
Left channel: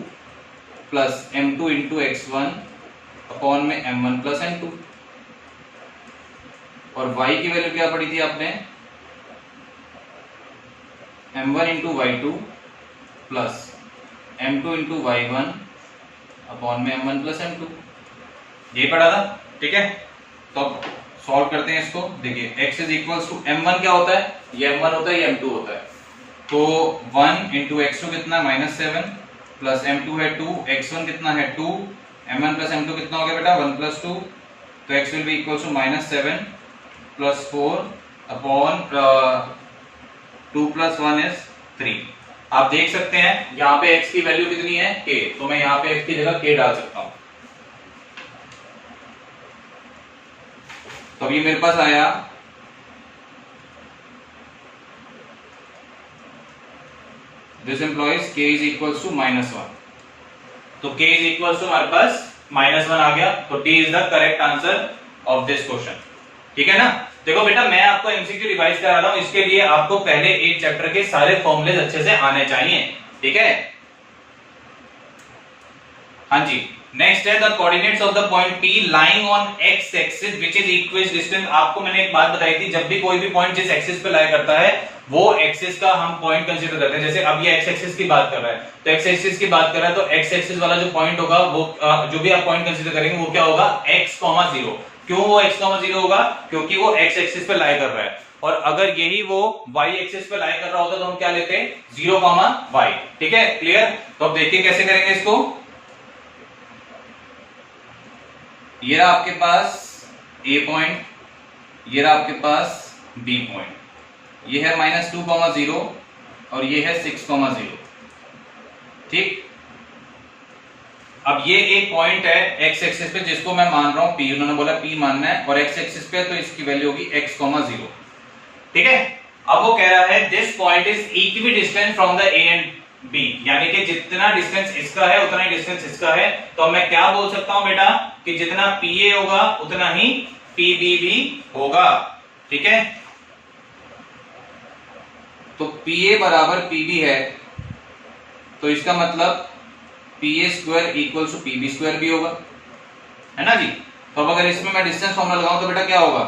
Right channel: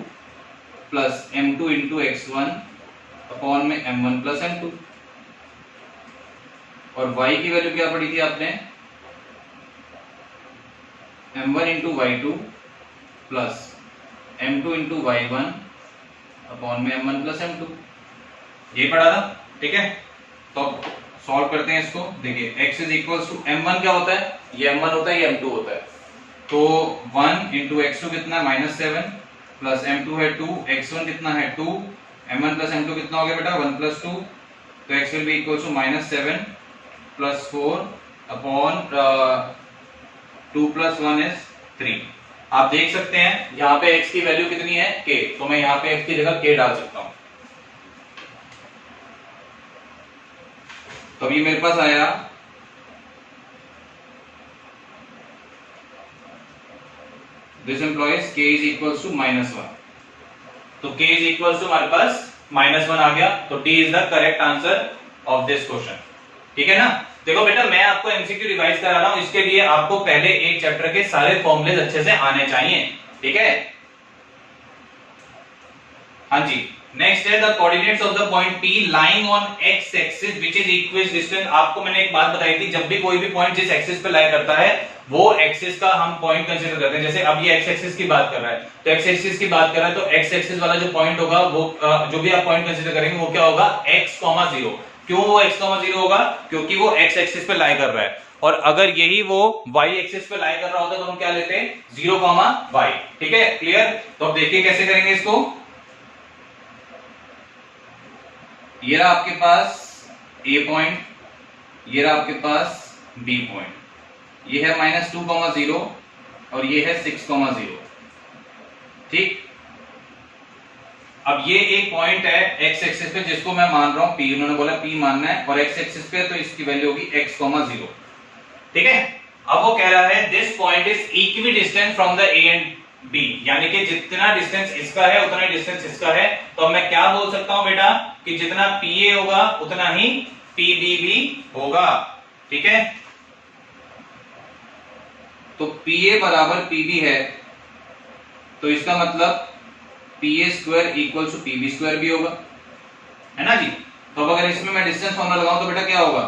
plus m2 into x1 upon में m1 प्लस m2, और y की वैल्यू क्या पढ़ी थी आपने, m1 into y2 plus m2 into y1 upon में m1 प्लस m2, ये पढ़ा था। ठीक है, तो सॉल्व करते हैं इसको। देखिए x is equals to m1 क्या होता है, ये m1 होता है, ये m2 होता है, तो 1 इंटू x2 कितना -7 प्लस m2 है 2, x1 कितना है 2, m1 प्लस m2 कितना हो गया बेटा 1 प्लस 2, तो x will be equals to -7 plus 4 upon 2 plus 1 is 3। आप देख सकते हैं यहाँ पे x की वैल्यू कितनी है k, तो मैं यहाँ पे x की जगह k डाल सकता हूं। तो ये मेरे पास आया this implies k is equals to -1, तो k इज इक्वल्स टू हमारे पास -1 आ गया, तो D is the correct answer of this question. ठीक है ना। देखो बेटा मैं आपको एमसीक्यू रिवाइज करा रहा हूं, इसके लिए आपको पहले एक चैप्टर के सारे फॉर्मूलेज अच्छे से आने चाहिए। ठीक है, हाँ जी। नेक्स्ट है the coordinates of the point P lying on x axis which is equidistant. आपको मैंने एक बात बताई थी, जब भी कोई भी पॉइंट जिस एक्सिस पे लाई करता है वो एक्सिस का हम पॉइंट कंसीडर करते हैं। जैसे अब ये x एक्सिस की बात कर रहा है, तो x एक्सिस की बात कर रहा है, तो x एक्सिस वाला जो पॉइंट होगा वो जो भी आप पॉइंट कंसीडर करेंगे वो क्या होगा, x, 0। क्यों वो x, 0 होगा, क्योंकि वो x एक्सिस पे लाई कर रहा है, और अगर यही वो y एक्सिस पे लाई कर रहा होता तो हम क्या लेते, 0, y। ठीक है, क्लियर। तो अब देखिए कैसे करेंगे इसको। ये रहा आपके पास A पॉइंट, ये रहा आपके पास B पॉइंट, ये है -2, 0 और ये है 6, 0। ठीक, अब ये एक पॉइंट है x एक्सिस पे जिसको मैं मान रहा हूं P, उन्होंने बोला P मानना है, और x एक्सिस पे तो इसकी वैल्यू होगी x, 0। ठीक है, अब वो कह रहा है this point is equi distance from the A and B, यानी कि जितना डिस्टेंस इसका है उतना डिस्टेंस इसका है, तो मैं क्या बोल सकता हूं बेटा कि जितना PA होगा उतना ही PB भी होगा। ठीक है, तो PA बराबर PB है, तो इसका मतलब PA square equal to PB square भी होगा, है ना जी। तो अब अगर इसमें मैं डिस्टेंस फॉर्मूला लगाऊं तो बेटा क्या होगा,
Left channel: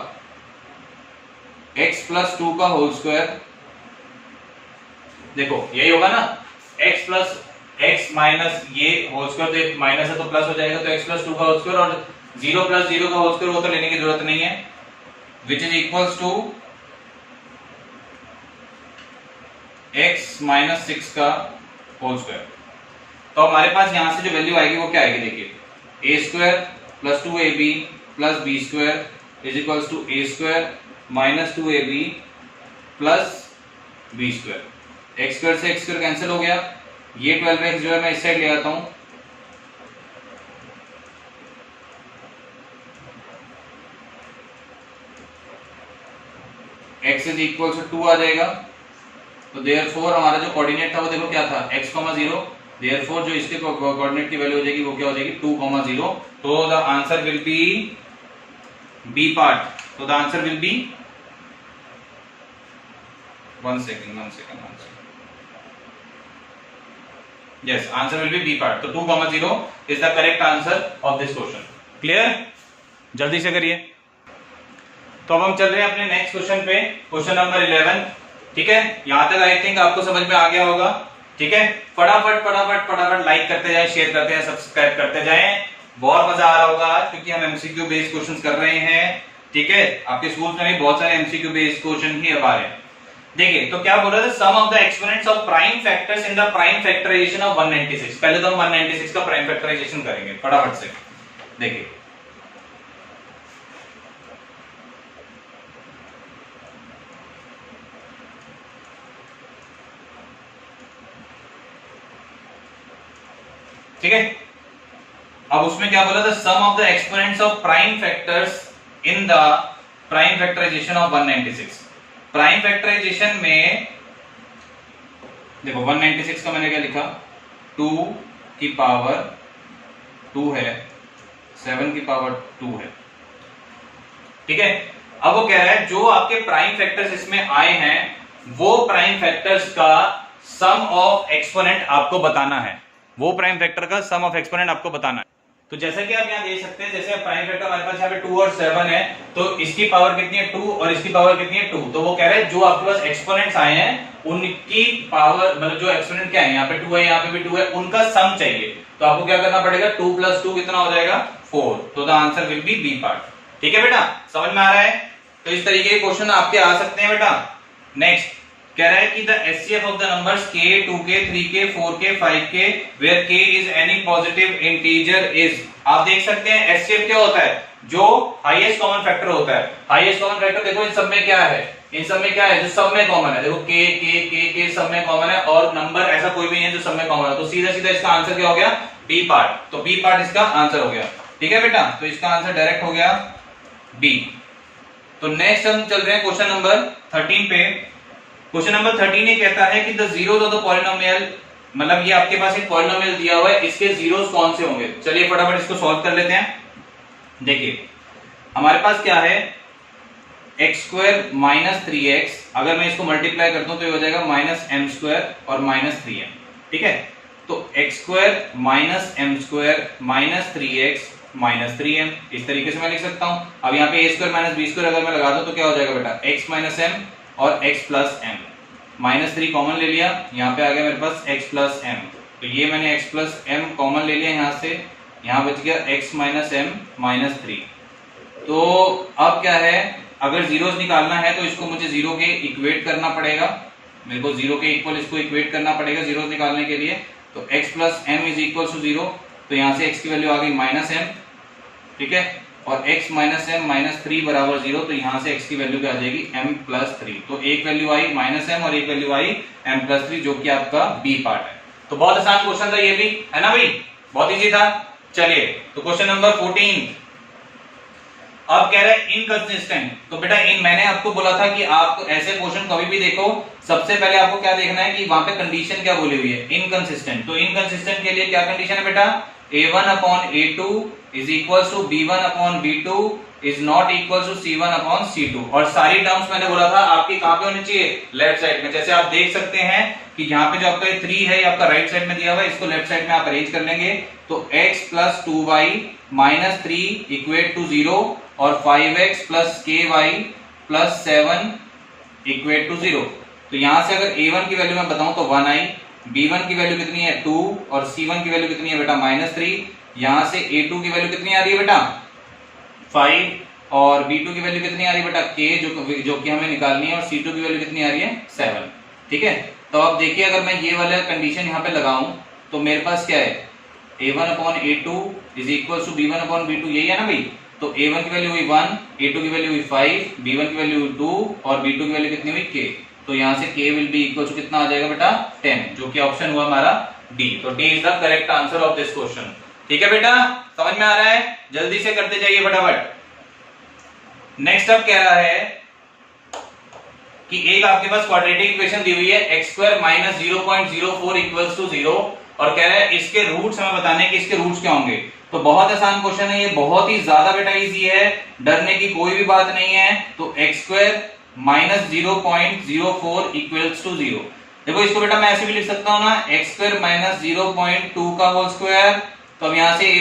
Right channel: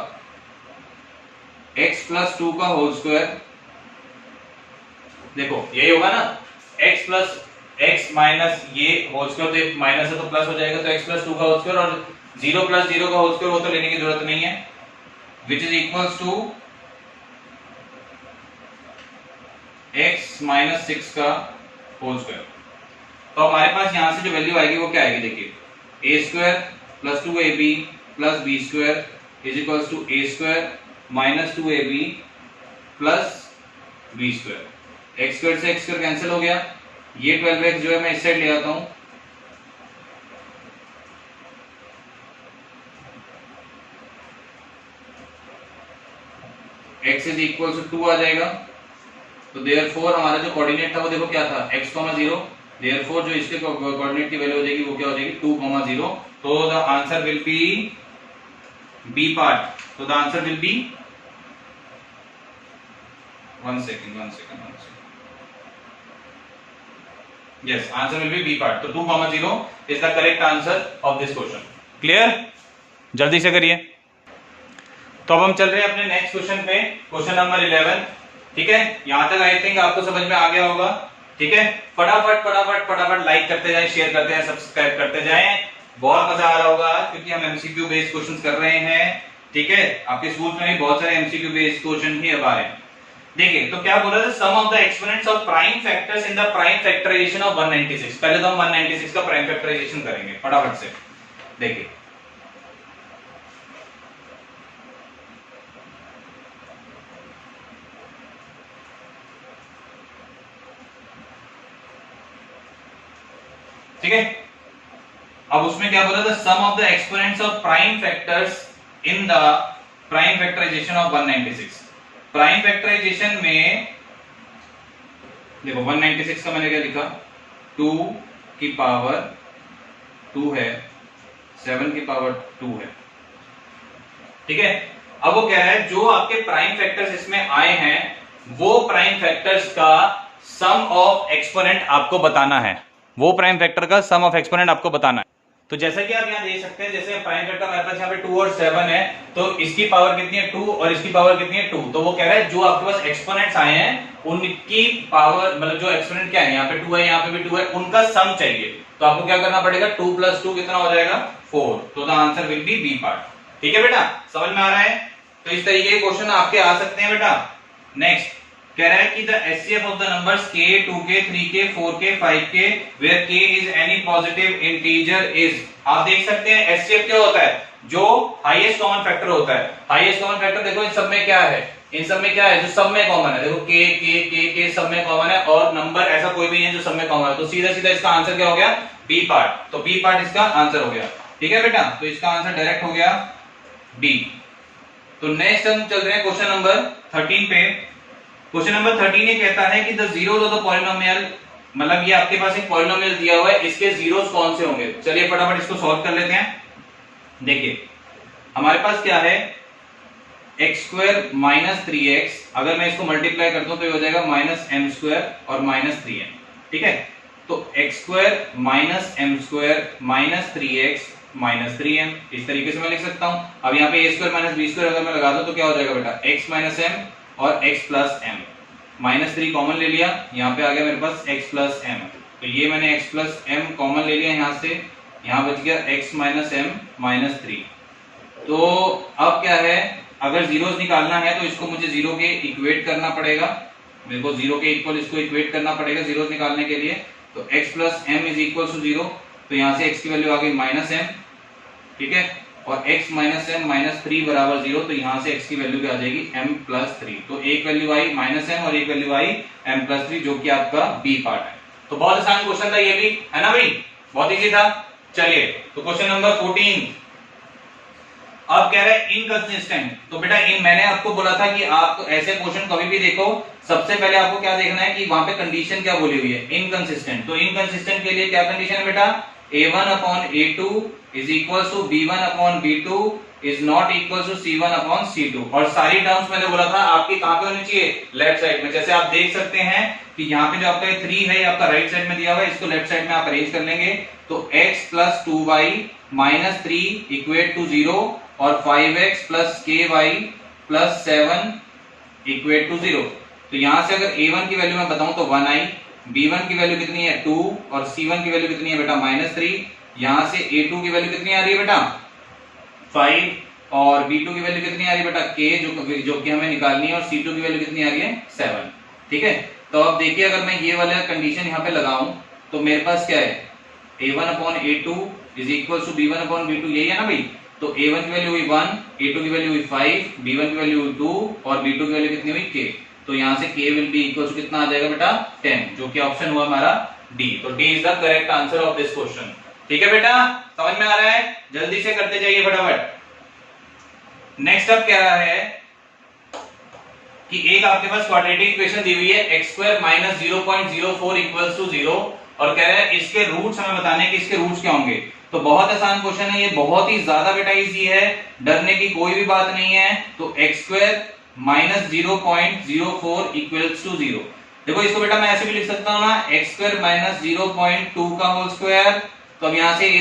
x प्लस 2 का होल स्क्वायर, देखो यही होगा ना, x प्लस x माइनस ये होल स्क्वायर, तो माइनस है तो प्लस हो जाएगा, तो x प्लस 2 का होल स्क्वायर, और 0 प्लस 0 का होल स्क्वायर वो तो लेने की जरूरत नहीं है, which is equals to x minus 6 का होल स्क्वायर। तो हमारे पास यहां से जो वैल्यू आएगी वो क्या आएगी, देखिए a square plus 2ab plus b square is equals to a square minus 2ab plus b square. x square से x स्क्वायर कैंसिल हो गया, ये 12x जो है मैं इस साइड ले आता हूं, x इज इक्वल टू 2 आ जाएगा, तो देयरफॉर हमारा जो कोऑर्डिनेट था वो देखो क्या था, x, 0, देयरफॉर जो इसके कोऑर्डिनेट की वैल्यू हो जाएगी वो क्या हो जाएगी, 2, 0। तो the answer will be B part, तो the answer will be, one second, yes, answer will be B part, तो 2, 0 is the correct answer of this question। Clear, जल्दी से करिए। तो अब हम चल रहे हैं अपने नेक्स्ट क्वेश्चन पे, क्वेश्चन नंबर 11। ठीक है, यहां तक आई थिंक आपको समझ में आ गया होगा। ठीक है, फटाफट लाइक करते जाएं, शेयर करते जाएं, सब्सक्राइब करते जाएं। बहुत मजा आ रहा होगा आज, क्योंकि हम एमसीक्यू बेस्ड क्वेश्चंस कर रहे हैं। ठीक है, आपके स्कूल में भी बहुत सारे एमसीक्यू बेस्ड क्वेश्चन ही अब आ रहे हैं। देखिए तो क्या बोल रहे थे, sum of the exponents of prime factors in the prime factorization of 196। पहले तो हम 196 का प्राइम फैक्टराइजेशन करेंगे फटाफट से। देखिए ठीक है, अब उसमें क्या बोला था, sum of the exponents of prime factors in the prime factorization of 196। Prime factorization में देखो 196 का मैंने क्या लिखा, 2 की पावर 2 है, 7 की पावर 2 है, ठीक है। अब वो क्या है, जो आपके प्राइम फैक्टर्स इसमें आए हैं वो प्राइम फैक्टर्स का सम ऑफ एक्सपोनेंट आपको बताना है, वो प्राइम फैक्टर का सम ऑफ एक्सपोनेंट आपको बताना है। तो जैसा कि आप यहां देख सकते हैं, जैसे प्राइम फैक्टर हमारे पास यहाँ पे 2 और 7 है, तो इसकी पावर कितनी है 2 और इसकी पावर कितनी है 2। तो वो कह रहा है जो आपके पास एक्सपोनेंट्स आए हैं उनकी पावर, मतलब जो एक्सपोनेंट क्या है, यहाँ पे 2 है, यहाँ पे भी 2 है, उनका सम चाहिए। तो आपको क्या करना पड़ेगा, 2 + 2 कितना हो जाएगा 4। तो the answer will be B part. ठीक है बेटा, समझ में आ रहा है। तो इस तरीके के क्वेश्चन आपके आ सकते हैं बेटा। नेक्स्ट कह रहा है कि the HCF of the numbers k, 2k, 3k, 4k, 5k where k is any positive integer is। आप देख सकते हैं एचसीएफ क्या होता है, जो हाईएस्ट कॉमन फैक्टर होता है। हाईएस्ट कॉमन फैक्टर देखो इन सब में क्या है, इन सब में क्या है जो सब में कॉमन है, देखो k k k k सब में कॉमन है और नंबर ऐसा कोई भी नहीं है जो सब में कॉमन है। तो सीधा सीधा इसका आंसर क्या हो गया, बी पार्ट। तो बी पार्ट इसका आंसर हो गया। ठीक है बेटा, तो इसका आंसर डायरेक्ट हो गया बी। तो नेक्स्ट हम चल रहे हैं क्वेश्चन नंबर 13 पे। क्वेश्चन नंबर 13 ये कहता है कि the zeros of the polynomial, मतलब ये आपके पास एक पॉलिनोमियल दिया हुआ है, इसके जीरोस कौन से होंगे। चलिए फटाफट इसको सॉल्व कर लेते हैं। देखिए हमारे पास क्या है, x² - 3x, अगर मैं इसको मल्टीप्लाई करता हूं तो ये हो जाएगा -m² और -3m। ठीक है, तो x² - m² - 3x - 3m, इस तरीके से मैं लिख सकता हूं। अब यहाँ पे a² - b² अगर मैं लगा दूं तो क्या हो जाएगा बेटा, x - m और x + m, -3 कॉमन ले लिया, यहाँ पे आ गया मेरे पास x + m। तो ये मैंने x + m कॉमन ले लिया यहाँ से, यहाँ बच गया x - m - 3। तो अब क्या है, अगर जीरोस निकालना है तो इसको मुझे जीरो के इक्वेट करना पड़ेगा, मेरे को जीरो के इक्वल इसको इक्वेट करना पड़ेगा जीरोस निकालने के लिए। तो x + m = 0, तो यहाँ से x की वैल्यू आ गई -m, ठीक है, और x - m - 3 = 0, तो यहाँ से x की वैल्यू क्या आ जाएगी, m + 3। तो एक वैल्यू आई -m और एक वैल्यू आई m + 3, जो कि आपका बी पार्ट है। तो बहुत आसान क्वेश्चन था ये भी, है ना भाई, बहुत इजी था। चलिए तो क्वेश्चन नंबर 14 अब कह रहा है इनकंसिस्टेंट। तो बेटा मैंने आपको बोला था कि आप ऐसे क्वेश्चन कभी भी देखो, सबसे पहले आपको क्या देखना है कि वहां पे कंडीशन क्या बोली हुई है, इनकंसिस्टेंट। तो इनकंसिस्टेंट के लिए क्या कंडीशन है बेटा, a1/a2 = b1/b2 is not equal to c1/c2। और सारी टर्म्स मैंने बोला था आपकी कहां पे होनी चाहिए, लेफ्ट साइड में। जैसे आप देख सकते हैं कि यहाँ पे जो आपका 3 है आपका राइट साइड में दिया हुआ है, इसको लेफ्ट साइड में आप अरेंज कर लेंगे। तो x + 2y - 3 = 0 और 5x + ky + 7 = 0। तो यहां से अगर a1 की वैल्यू मैं बताऊं तो 1 आई, b1 की वैल्यू कितनी है 2 और c1 की वैल्यू कितनी है बेटा -3। यहां से a2 की वैल्यू कितनी आ रही है बेटा 5 और b2 की वैल्यू कितनी आ रही है बेटा k, जो कि हमें निकालनी है, और c2 की वैल्यू कितनी आ रही है 7। ठीक है, तो अब देखिए अगर मैं ये वाला कंडीशन यहाँ पे लगाऊं तो मेरे पास क्या है, a1/a2 = b1/b2, यही है ना भाई। तो a1 की वैल्यू हुई 1, a2 की वैल्यू हुई 5, b1 की वैल्यू हुई 2 और b2 की वैल्यू कितनी हुई k। तो यहाँ से k will be equal to कितना आ जाएगा बेटा 10, जो कि ऑप्शन हुआ हमारा डी। तो D is the correct answer of this question. ठीक है बेटा, समझ में आ रहा है, जल्दी से करते जाइए फटाफट। नेक्स्ट अब कह रहा है कि एक आपके पास क्वाड्रेटिक इक्वेशन दी हुई है, x² - 0.04 = 0, और कह रहा है इसके रूट्स हमें बताने कि इसके रूट्स क्या होंगे। तो बहुत आसान क्वेश्चन है ये, बहुत ही ज्यादा बेटा इजी है, डरने की कोई भी बात नहीं है। तो x² - 0.04 = 0। देखो इसको बेटा मैं ऐसे भी लिख सकता हूं ना, x² - 0.2 का होल स्क्वायर। तो अब यहां से a²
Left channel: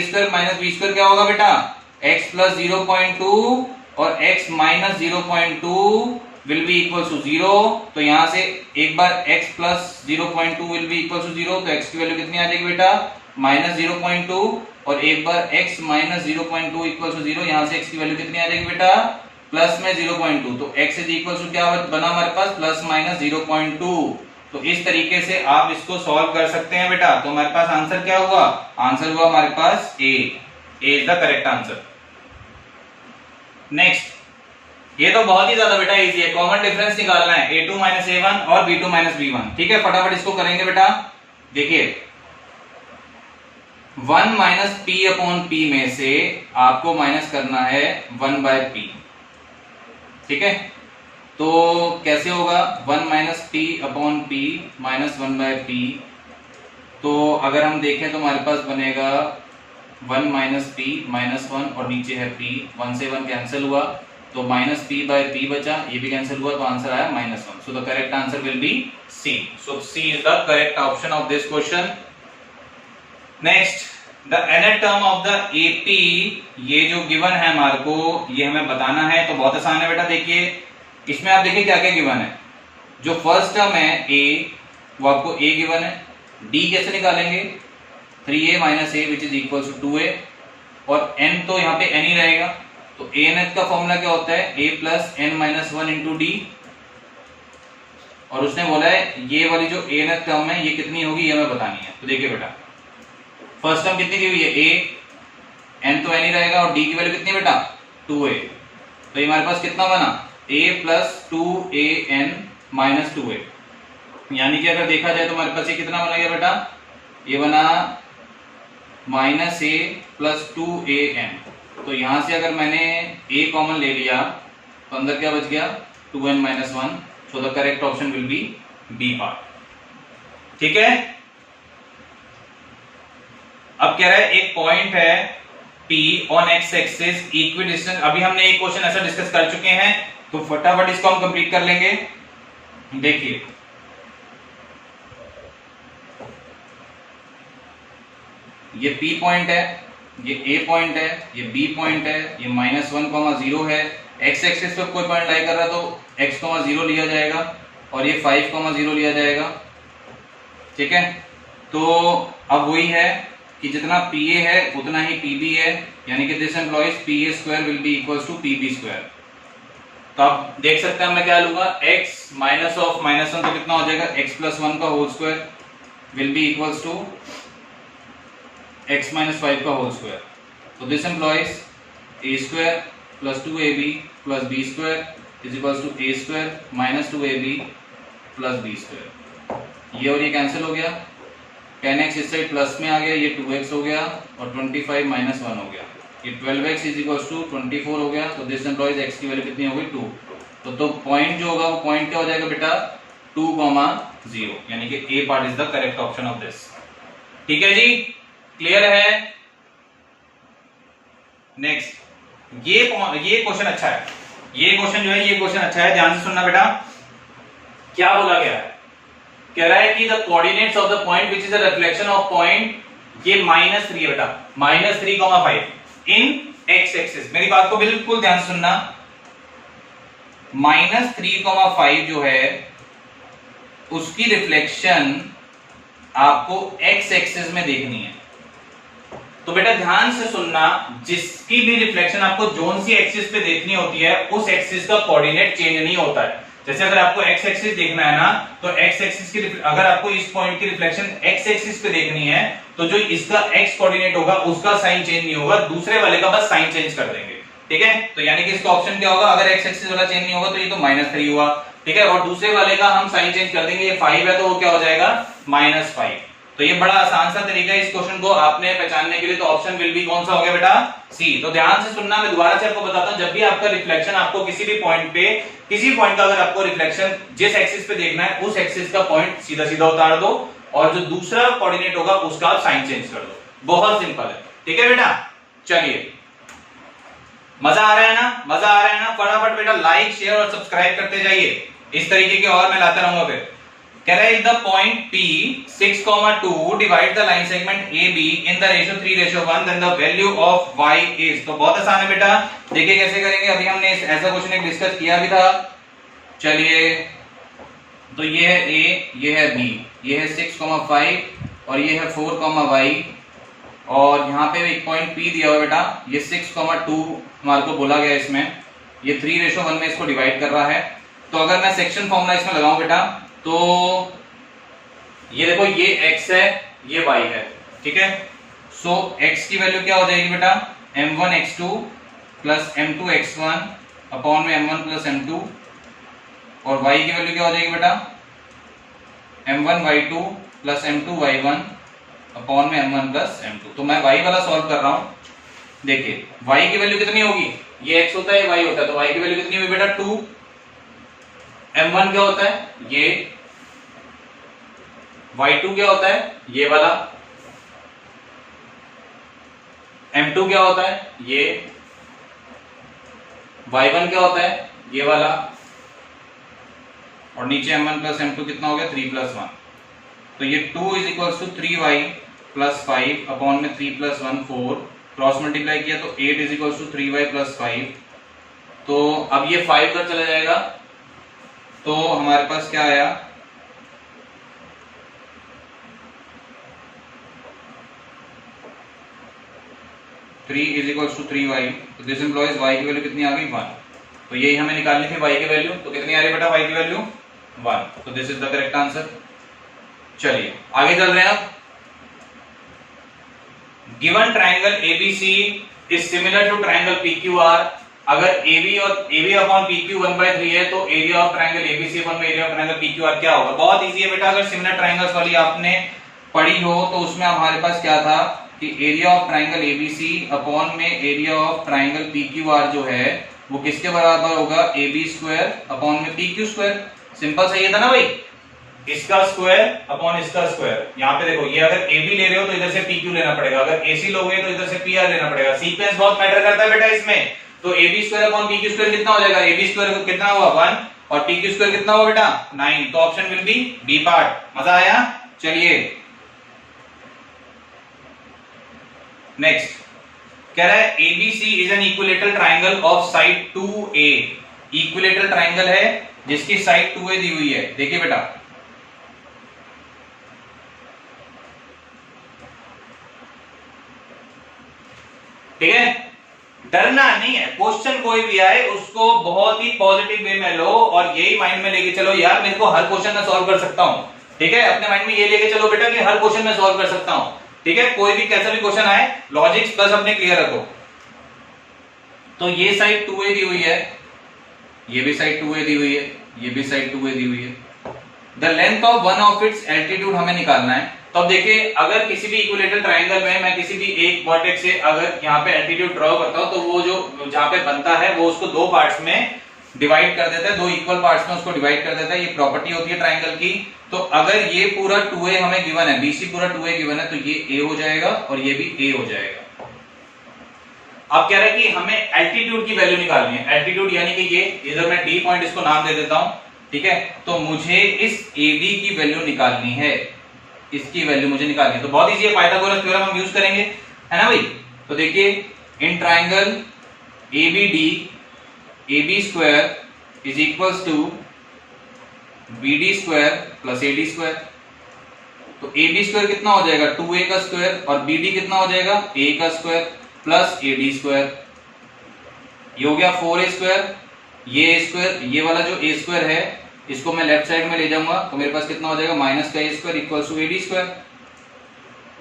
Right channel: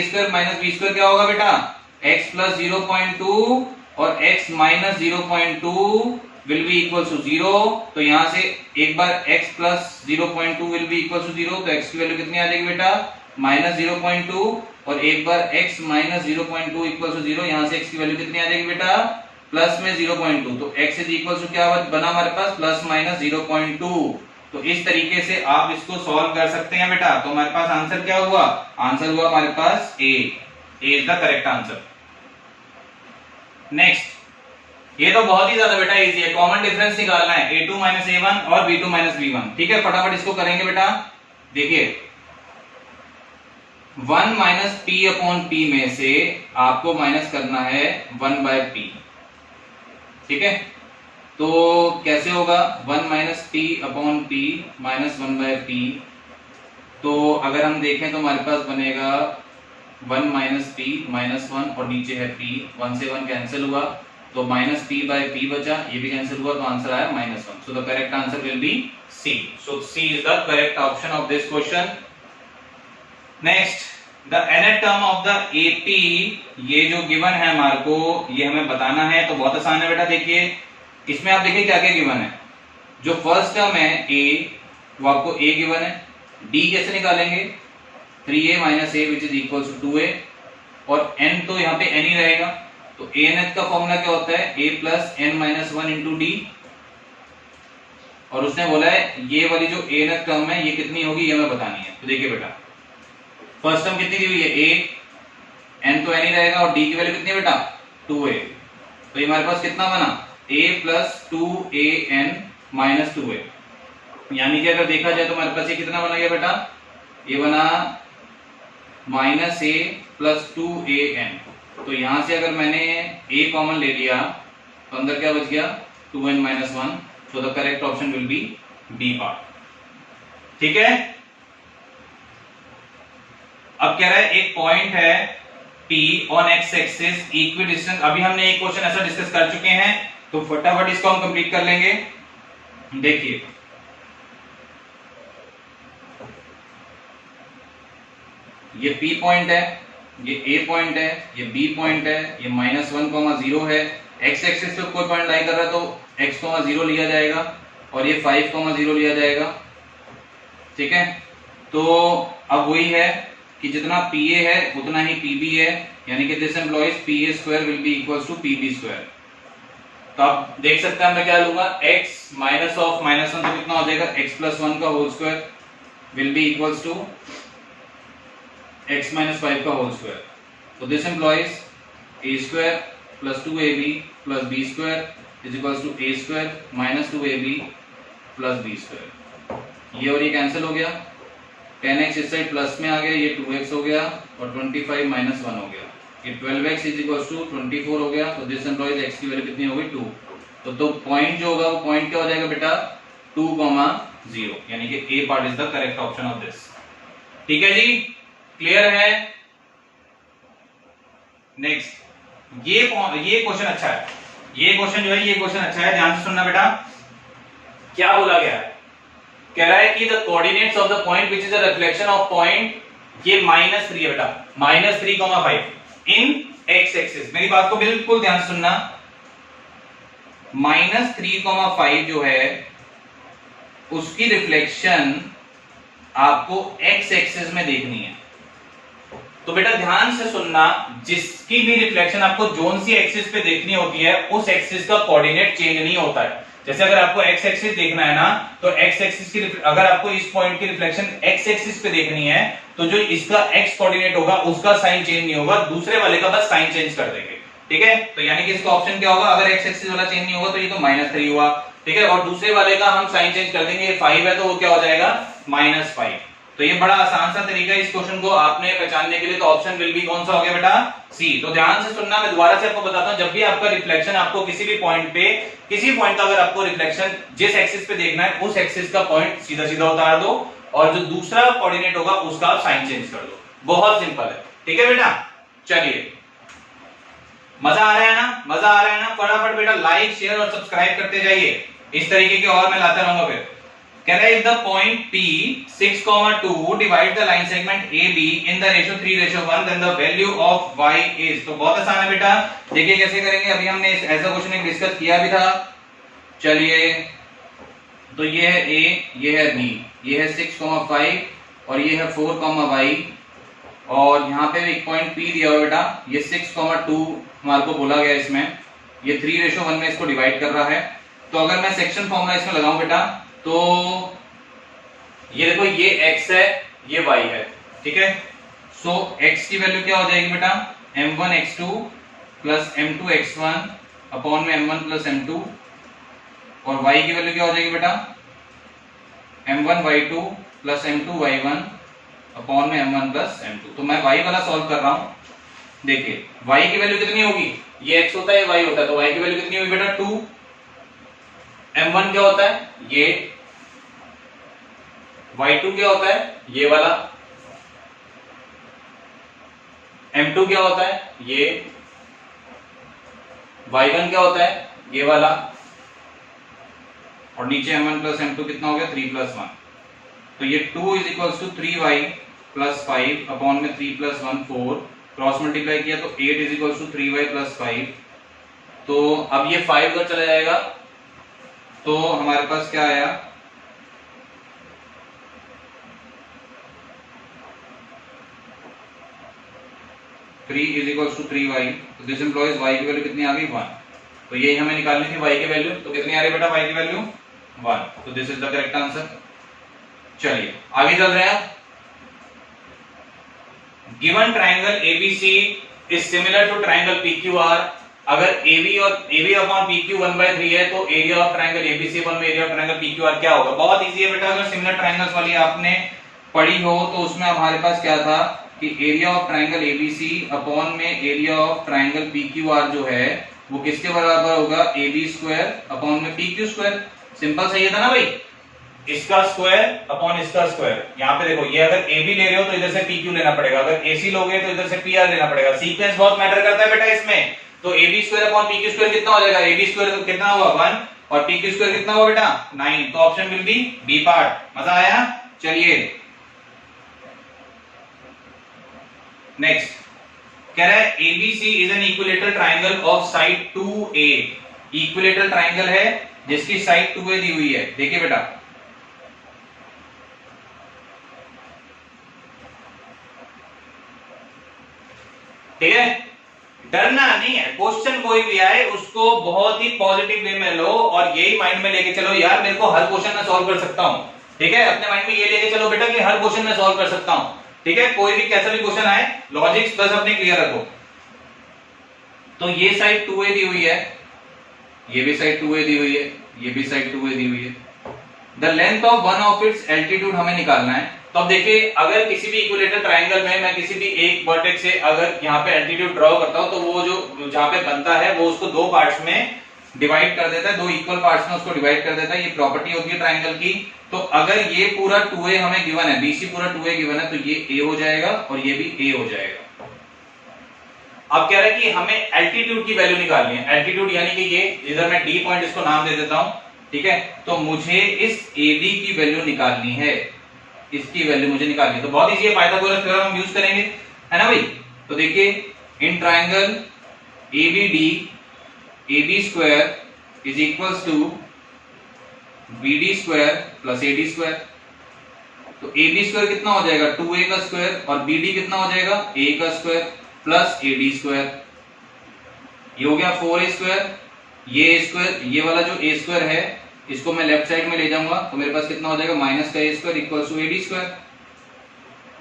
- b² क्या होगा बेटा, x + 0.2 और x - 0.2 will be equal to 0। तो यहां से एक बार x + 0.2 will be equal to 0, तो x की वैल्यू कितनी आ जाएगी बेटा -0.2, और एक बार x - 0.2 = 0, यहां से x की वैल्यू कितनी आ जाएगी बेटा +0.2। तो x इज इक्वल टू क्या बना हमारे पास +-0.2। तो इस तरीके से आप इसको सॉल्व कर सकते हैं बेटा। तो हमारे पास आंसर क्या हुआ, आंसर हुआ हमारे पास A is the correct answer. Next, ये तो बहुत ही ज्यादा बेटा इजी है, कॉमन डिफरेंस निकालना है a2 - a1 और b2 - b1। ठीक है, फटाफट इसको करेंगे बेटा। देखिए 1 - p/p में से आपको माइनस करना है 1/p। ठीक है, तो कैसे होगा 1 minus P upon P minus 1 by P. तो अगर हम देखें तो हमारे पास बनेगा 1 माइनस पी माइनस 1 और नीचे है पी, 1 से 1 कैंसिल हुआ तो माइनस पी बाय पी बचा, ये भी कैंसिल हुआ तो आंसर आया -1। So the correct answer will be C. So C is the correct option of this question. Next, the nth term of the AP, ये जो गिवन है हमारे को, ये हमें बताना है। तो बहुत आसान है बेटा, देखिए इसमें आप देखिए क्या क्या गिवन है। जो फर्स्ट टर्म है A, वो आपको A गिवन है। D कैसे निकालेंगे, 3A minus A which is equal to 2A, और n तो यहाँ पे n ही रहेगा। तो ANth का फॉर्मूला क्या होता है, A plus n minus 1 into D. और उसने बोला है ये वाली जो ANth टर्म है ये कितनी होगी, ये हमें बतानी है। तो देखिए बेटा, फर्स्ट टर्म कितनी दी हुई है A, n तो n ही रहेगा, और D की वैल्यू कितनी बेटा 2A। तो ये हमारे पास कितना बना, A plus 2AN minus 2A। यानी कि अगर देखा जाए तो हमारे पास ये कितना बना गया बेटा, ये बना माइनस A प्लस 2AN। तो यहां से अगर मैंने A कॉमन ले लिया तो अंदर क्या बच गया 2n minus 1। So the correct option will be B part. ठीक है, अब कह रहा है एक पॉइंट है P on x axis equi distance. अभी हमने एक क्वेश्चन ऐसा डिस्कस कर चुके हैं, तो फटाफट इसको हम कंप्लीट कर लेंगे। देखिए ये P पॉइंट है, ये A पॉइंट है, ये B पॉइंट है, ये -1, 0 है। एक्स एक्सिस पे कोई पॉइंट लाई कर रहा है तो x, 0 लिया जाएगा, और ये 5, 0 लिया जाएगा। ठीक है, तो अब वही है कि जितना PA है उतना ही PB है, यानी कि this implies PA square will be equals to PB square. तो आप देख सकते हैं मैं क्या लूंगा, x माइनस ऑफ -1 तो कितना हो जाएगा, x प्लस 1 का whole square will be equals to x minus 5 का होल स्क्वायर। तो this implies a square plus 2ab plus b square is equals to a square minus 2ab plus b square. ये और ये कैंसिल हो गया, 10x इस साइड प्लस में आ गया, ये 2x हो गया, और 25 माइनस 1 हो गया, ये 12x इज इक्वल्स टू 24 हो गया। तो दिस एम्प्लॉइज x की वैल्यू कितनी हो गई 2। तो पॉइंट जो होगा वो पॉइंट क्या हो जाएगा बेटा 2, 0, यानी कि A part is the correct option of this. ठीक है जी, क्लियर है। नेक्स्ट, ये क्वेश्चन अच्छा है, ये क्वेश्चन जो है ये क्वेश्चन अच्छा है, ध्यान से सुनना बेटा। क्या बोला गया है, कह रहा है कि the coordinates of the point which is the reflection of point, ये -3 बेटा, -3,5 इन एक्स एक्सिस। मेरी बात को बिल्कुल ध्यान से सुनना, -3,5 जो है उसकी रिफ्लेक्शन आपको एक्स एक्सिस में देखनी है। तो बेटा ध्यान से सुनना, जिसकी भी रिफ्लेक्शन आपको जोन सी एक्सिस पे देखनी होती है उस एक्सिस का कोऑर्डिनेट चेंज नहीं होता है। जैसे अगर आपको एक्स एक्सिस देखना है ना, तो एक्स एक्सिस की अगर आपको इस पॉइंट की रिफ्लेक्शन एक्स एक्सिस पे देखनी है तो जो इसका एक्स कोऑर्डिनेट होगा उसका साइन चेंज नहीं होगा, दूसरे वाले का बस साइन चेंज कर देंगे। ठीक है, तो यानी कि इसका ऑप्शन क्या होगा, अगर एक्स एक्सिस वाला चेंज नहीं होगा तो ये तो -3 हुआ। ठीक है, और दूसरे वाले का हम साइन चेंज कर देंगे, ये 5 है तो वो क्या हो जाएगा -5। तो ये बड़ा आसान सा तरीका है इस क्वेश्चन को आपने पहचानने के लिए। तो ऑप्शन विल बी कौन सा हो गया बेटा, सी। तो ध्यान से सुनना, मैं दोबारा से आपको बताता हूं, जब भी आपका रिफ्लेक्शन आपको किसी भी पॉइंट पे, किसी पॉइंट का अगर आपको रिफ्लेक्शन जिस एक्सिस पे देखना है उस एक्सिस का पॉइंट सीधा सीधा उतार दो, और जो दूसरा कोऑर्डिनेट होगा उसका आप साइन चेंज कर दो। बहुत सिंपल है। ठीक है बेटा, चलिए, मजा आ रहा है ना, मजा आ रहा है ना। फटाफट बेटा लाइक शेयर और सब्सक्राइब करते जाइए, इस तरीके के और मैं लाता रहूंगा। फिर कह रहा है the point P 6,2 divide the line segment AB in the ratio 3:1, then the value of y is. तो बहुत आसान है बेटा, देखिए कैसे करेंगे। अभी हमने ऐसा क्वेश्चन एक डिस्कस किया भी था। चलिए, तो ये है A, ये है B, ये है 6,5 और ये है 4,y, और यहाँ पे एक पॉइंट P दिया हुआ बेटा, ये 6,2 हमारे को बोला गया इसमें, ये 3:1 में इसको डिवाइड कर रहा है। तो अगर मैं सेक्शन फॉर्मूला इसमें लगाऊं बेटा, तो ये देखो, ये x है, ये y है। ठीक है, सो x की वैल्यू क्या हो जाएगी बेटा, m1x2 प्लस m2x1 अपॉन में m1 प्लस m2, और y की वैल्यू क्या हो जाएगी बेटा, m1y2 प्लस m2y1 अपॉन में m1 प्लस m2। तो मैं y वाला सॉल्व कर रहा हूं। देखिए y की वैल्यू कितनी होगी, ये x होता है, ये y होता है, तो y की वैल्यू कितनी हुई बेटा 2। m1 क्या होता है, ये y2 क्या होता है, ये वाला, m2 क्या होता है, ये y1 क्या होता है, ये वाला, और नीचे m1 प्लस m2 कितना हो गया 3 प्लस 1। तो ये 2 is equal to 3y plus 5 upon में 3 प्लस 1 4, क्रॉस मल्टीप्लाई किया तो 8 is equal to 3y plus 5। तो अब ये 5 इधर चला जाएगा, तो हमारे पास क्या आया, three is equal to 3y। तो दिस इंप्लॉइज y की वैल्यू कितनी आ गई 1। तो यही हमें निकालनी थी y की वैल्यू, तो कितनी आ रही है बेटा y की वैल्यू 1। तो this is the correct answer. चलिए आगे चल रहे हैं आप। Given triangle ABC is similar to triangle PQR. अगर AB और AB अपॉन PQ 1/3 है तो area of triangle ABC upon में एरिया ऑफ ट्राइंगल पीक्यूआर क्या होगा। बहुत इजी है बेटा, अगर सिमिलर ट्राइंगल्स वाली आपने पढ़ी हो तो उसमें हमारे पास क्या था कि area of triangle ABC upon में एरिया ऑफ ट्राइंगल पीक्यूआर जो है वो किसके बराबर होगा, AB स्क्वायर अपॉन में PQ स्क्वायर। सिंपल सही है था ना भाई, इसका स्क्वायर अपॉन इसका स्क्वायर। यहाँ पे देखो, ये अगर AB ले रहे हो तो इधर से PQ लेना पड़ेगा, अगर AC लोगे तो इधर से PR लेना पड़ेगा। सीक्वेंस बहुत मैटर करता है बेटा इसमें। तो AB square upon PQ square कितना हो जाएगा, AB स्क्वायर कितना हुआ 1 और PQ स्क्वायर कितना हुआ बेटा 9। तो option will be B part. मजा आया। चलिए नेक्स्ट कह रहा है ABC is an equilateral triangle of side 2A। Equilateral triangle है जिसकी साइड 2A दी हुई है। देखिए बेटा, ठीक है, डरना नहीं है, क्वेश्चन कोई भी आए उसको बहुत ही पॉजिटिव वे में लो और यही माइंड में लेके चलो, यार मेरे को हर क्वेश्चन में सॉल्व कर सकता हूं। ठीक है, अपने माइंड में ये लेके चलो बेटा कि हर क्वेश्चन में सॉल्व कर सकता हूं। ठीक है, कोई भी कैसा भी क्वेश्चन आए लॉजिक्स बस अपने क्लियर रखो। तो ये साइड 2A दी हुई है, ये भी साइड 2A दी हुई है, ये भी साइड 2A दी हुई है। The length of one of its altitude हमें निकालना है। तो अब देखिए, अगर किसी भी इक्विलेटरल ट्राइंगल में मैं किसी भी एक वर्टेक्स से अगर यहाँ पे एल्टीट्यूड ड्रॉ करता हूं तो वो जो जहां पे बनता है वो उसको दो पार्ट्स में डिवाइड कर देता है, दो इक्वल पार्ट्स में उसको डिवाइड कर देता है। ये प्रॉपर्टी होती है ट्राइंगल की। तो अगर ये पूरा 2A हमें गिवन है, BC पूरा 2A गिवन है, तो ये A हो जाएगा और ये भी A हो जाएगा। अब कह रहा है कि हमें एल्टीट्यूड की वैल्यू निकालनी है। एल्टीट्यूड यानी कि ये इधर मैं D पॉइंट इसको नाम दे देता हूं। ठीक है, तो मुझे इस AB की वैल्यू निकालनी है, इसकी वैल्यू मुझे निकालनी है। तो बहुत इजी है, पाइथागोरस थ्योरम हम यूज करेंगे, है ना भाई। तो देखिए, in triangle ABD AB square is equals to BD square plus AD square. तो AB स्क्वायर कितना हो जाएगा 2A का स्क्वायर और BD कितना हो जाएगा A का स्क्वायर प्लस AD स्क्वायर। ये हो गया 4A स्क्वायर, ये A स्क्वायर, ये वाला जो A स्क्वायर है इसको मैं लेफ्ट साइड में ले जाऊंगा तो मेरे पास कितना हो जाएगा माइनस का A square equals to AD square.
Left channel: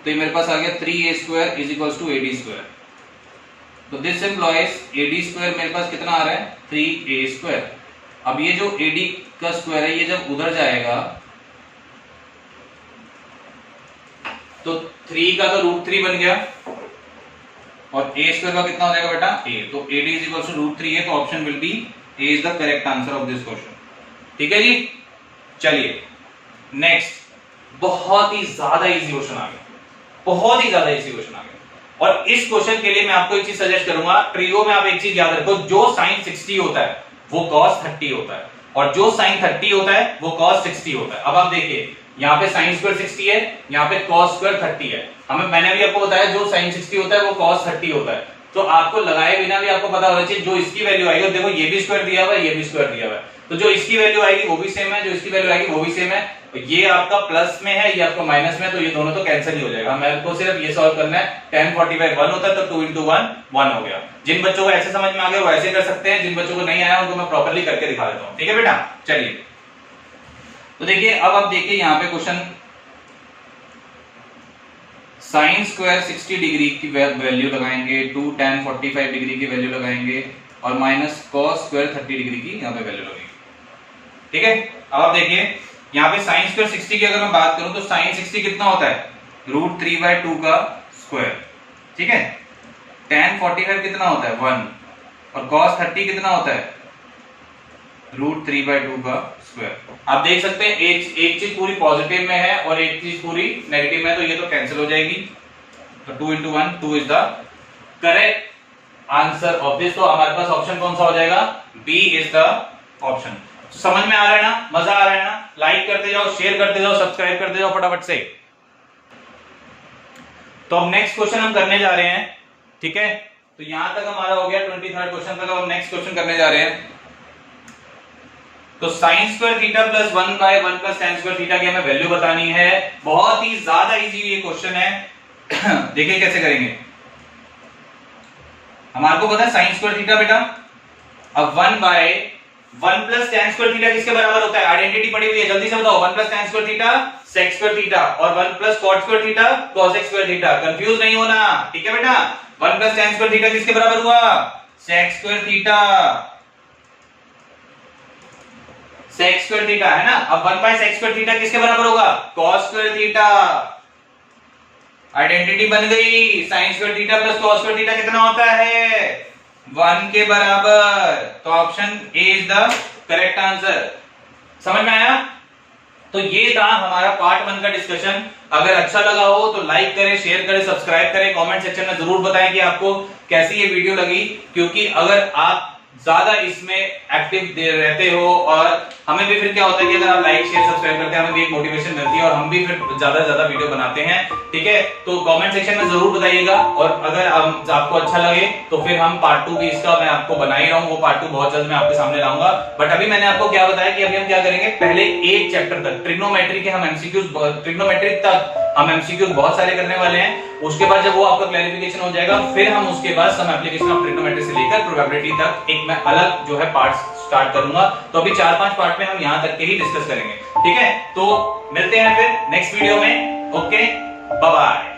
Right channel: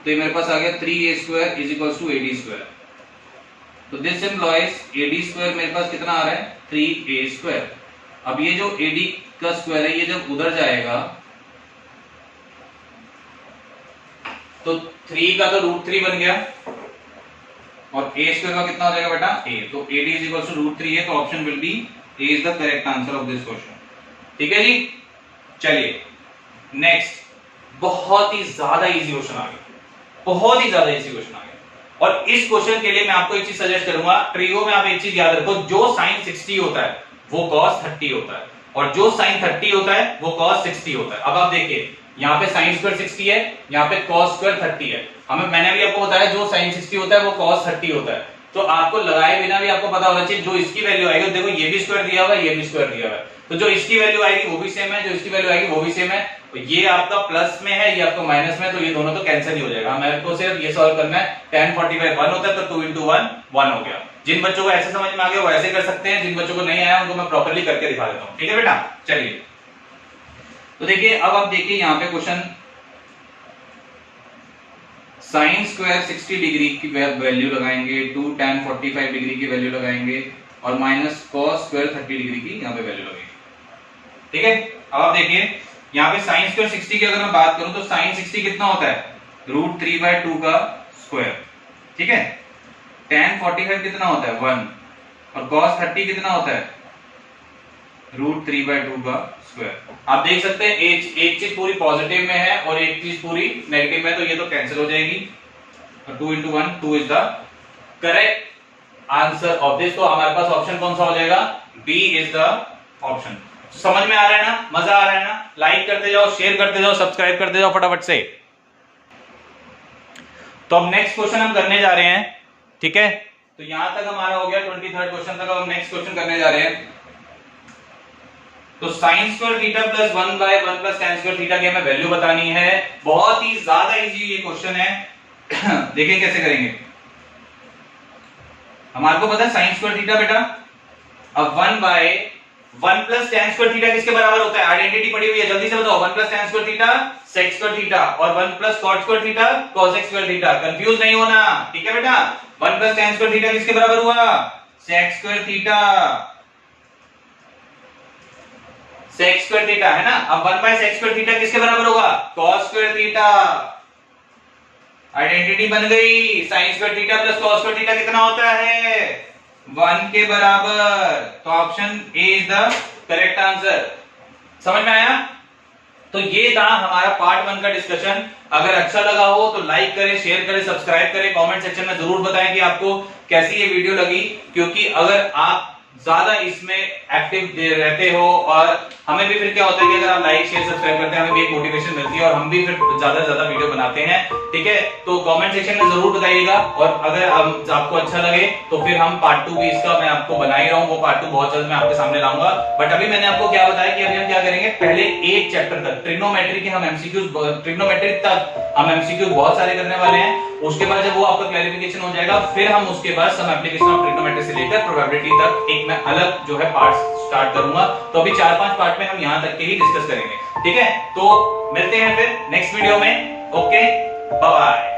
तो ये मेरे पास आ गया 3A square is equals to AD square. तो दिस इंप्लॉइज AD स्क्वायर मेरे पास कितना आ रहा है 3A स्क्वायर। अब ये जो AD का स्क्वायर है ये जब उधर जाएगा तो 3 का तो √3 बन गया और A स्क्वायर का कितना हो जाएगा बेटा A। तो AD इज इक्वल्स टू √3 है, तो option will B A is the correct answer of this question. ठीक है जी। चलिए नेक्स्ट, बहुत ही ज्यादा इजी क्वेश्चन आ गया, बहुत ही ज्यादा इजी क्वेश्चन आ गया। और इस क्वेश्चन के लिए मैं आपको एक चीज सजेस्ट करूंगा, ट्रिगो में आप एक चीज याद रखो, जो sin 60 होता है वो cos 30 होता है और जो sin 30 होता है वो cos 60 होता है। अब आप देखिए, यहाँ पे sin स्क्वायर 60 है, यहाँ पे cos स्क्वायर 30 है। मैंने भी आपको बताया जो sin 60 होता है वो cos 30 होता है। तो आपको लगाए बिना भी आपको पता होना चाहिए जो इसकी वैल्यू आएगी। देखो ये भी स्क्वायर दिया हुआ है, ये भी स्क्वायर दिया हुआ है, तो जो इसकी वैल्यू आएगी वो भी सेम है, जो इसकी वैल्यू आएगी वो भी सेम है। ये आपका प्लस में है, ये आपका माइनस में है, तो ये दोनों तो कैंसिल ही हो जाएगा। हमें तो सिर्फ ये सॉल्व करना है। 10 45 1 होता है तो 2 into 1 1 हो गया। जिन बच्चों को ऐसे समझ में आ गया वो ऐसे कर सकते हैं, जिन बच्चों को नहीं आया उनको मैं प्रॉपर्ली करके दिखा देता हूँ। ठीक है बेटा, चलिए तो देखिए, अब आप देखिए यहाँ पे क्वेश्चन, साइन स्क्वायर 60 डिग्री की वैल्यू लगाएंगे, 2 tan 45 डिग्री की वैल्यू लगाएंगे और माइनस cos स्क्वायर 30 डिग्री की यहाँ पे वैल्यू लगेगी। ठीक है, अब आप देखिए यहाँ पे साइन स्क्वायर 60 की अगर मैं बात करूं तो साइन 60 कितना होता है √3/2 का स्क्वायर। ठीक है, tan 45 कितना होता है 1 और cos 30 कितना होता है, √3/2 का स्क्वायर। आप देख सकते हैं एक चीज पूरी पॉजिटिव में है और एक चीज पूरी नेगेटिव में, तो ये तो कैंसिल हो जाएगी। तो 2 × 1 2 is the correct answer of this. तो हमारे पास ऑप्शन कौन सा हो जाएगा, बी इज द ऑप्शन। समझ में आ रहा है ना, मजा आ रहा है ना? लाइक करते जाओ, शेयर करते जाओ, सब्सक्राइब करते जाओ फटाफट से। तो अब नेक्स्ट क्वेश्चन हम करने जा रहे हैं, ठीक है? तो यहां तक हमारा हो गया 23rd क्वेश्चन तक। अब हम नेक्स्ट क्वेश्चन करने जा रहे हैं। तो sin square theta plus 1/1 plus tan square theta की हमें वैल्यू बतानी है। बहुत ही ज्यादा इजी ये क्वेश्चन है। देखिए कैसे करेंगे। हमारे को पता है sin स्क्वायर थीटा बेटा, अब 1/1 प्लस tan स्क्वायर थीटा किसके बराबर होता है? आइडेंटिटी पड़ी हुई है, जल्दी से बताओ। 1 plus tan square theta sec square theta और 1 plus cot square theta cosec square theta. Confuse नहीं होना, ठीक है बेटा? 1 प्लस tan स्क्वायर थीटा किसके बराबर हुआ? sec square theta, sec square theta है ना। अब 1/sec स्क्वायर थीटा किसके बराबर होगा? cos square theta. आइडेंटिटी बन गई। sin square theta plus cos square theta कितना होता है? 1 के बराबर। तो option A is the correct answer. समझ में आया? तो ये था हमारा पार्ट 1 का डिस्कशन। अगर अच्छा लगा हो तो लाइक करें, शेयर करें, सब्सक्राइब करें, कमेंट सेक्शन में जरूर बताएं कि आपको कैसी ये वीडियो लगी। क्योंकि अगर आप ज्यादा इसमें एक्टिव रहते हो और हमें भी फिर क्या होता है कि अगर आप लाइक शेयर सब्सक्राइब करते हैं, हमें भी एक मोटिवेशन मिलती है और हम भी फिर ज्यादा से ज्यादा वीडियो बनाते हैं, ठीक है? तो कमेंट सेक्शन में जरूर बताइएगा। और अगर आपको अच्छा लगे तो फिर हम पार्ट 2 भी इसका मैं आपको बना ही रहा हूँ। वो पार्ट 2 बहुत जल्द मैं आपके सामने लाऊंगा। बट अभी मैंने आपको क्या बताया कि अभी हम क्या करेंगे, पहले एक चैप्टर तक ट्रिग्नोमेट्री के हम एमसीक्यूज, ट्रिग्नोमेट्रिक तक हम एमसीक्यूज बहुत सारे करने वाले हैं। उसके बाद जब वो आपका क्लैरिफिकेशन हो जाएगा, फिर हम उसके बाद सम एप्लीकेशन ऑफ ट्रिग्नोमेट्री से लेकर प्रोबेबिलिटी तक एक मैं अलग जो है पार्ट स्टार्ट करूंगा। तो अभी 4-5 पार्ट में हम यहां तक के ही डिस्कस करेंगे, ठीक है? तो मिलते हैं फिर नेक्स्ट वीडियो में। Okay, bye bye.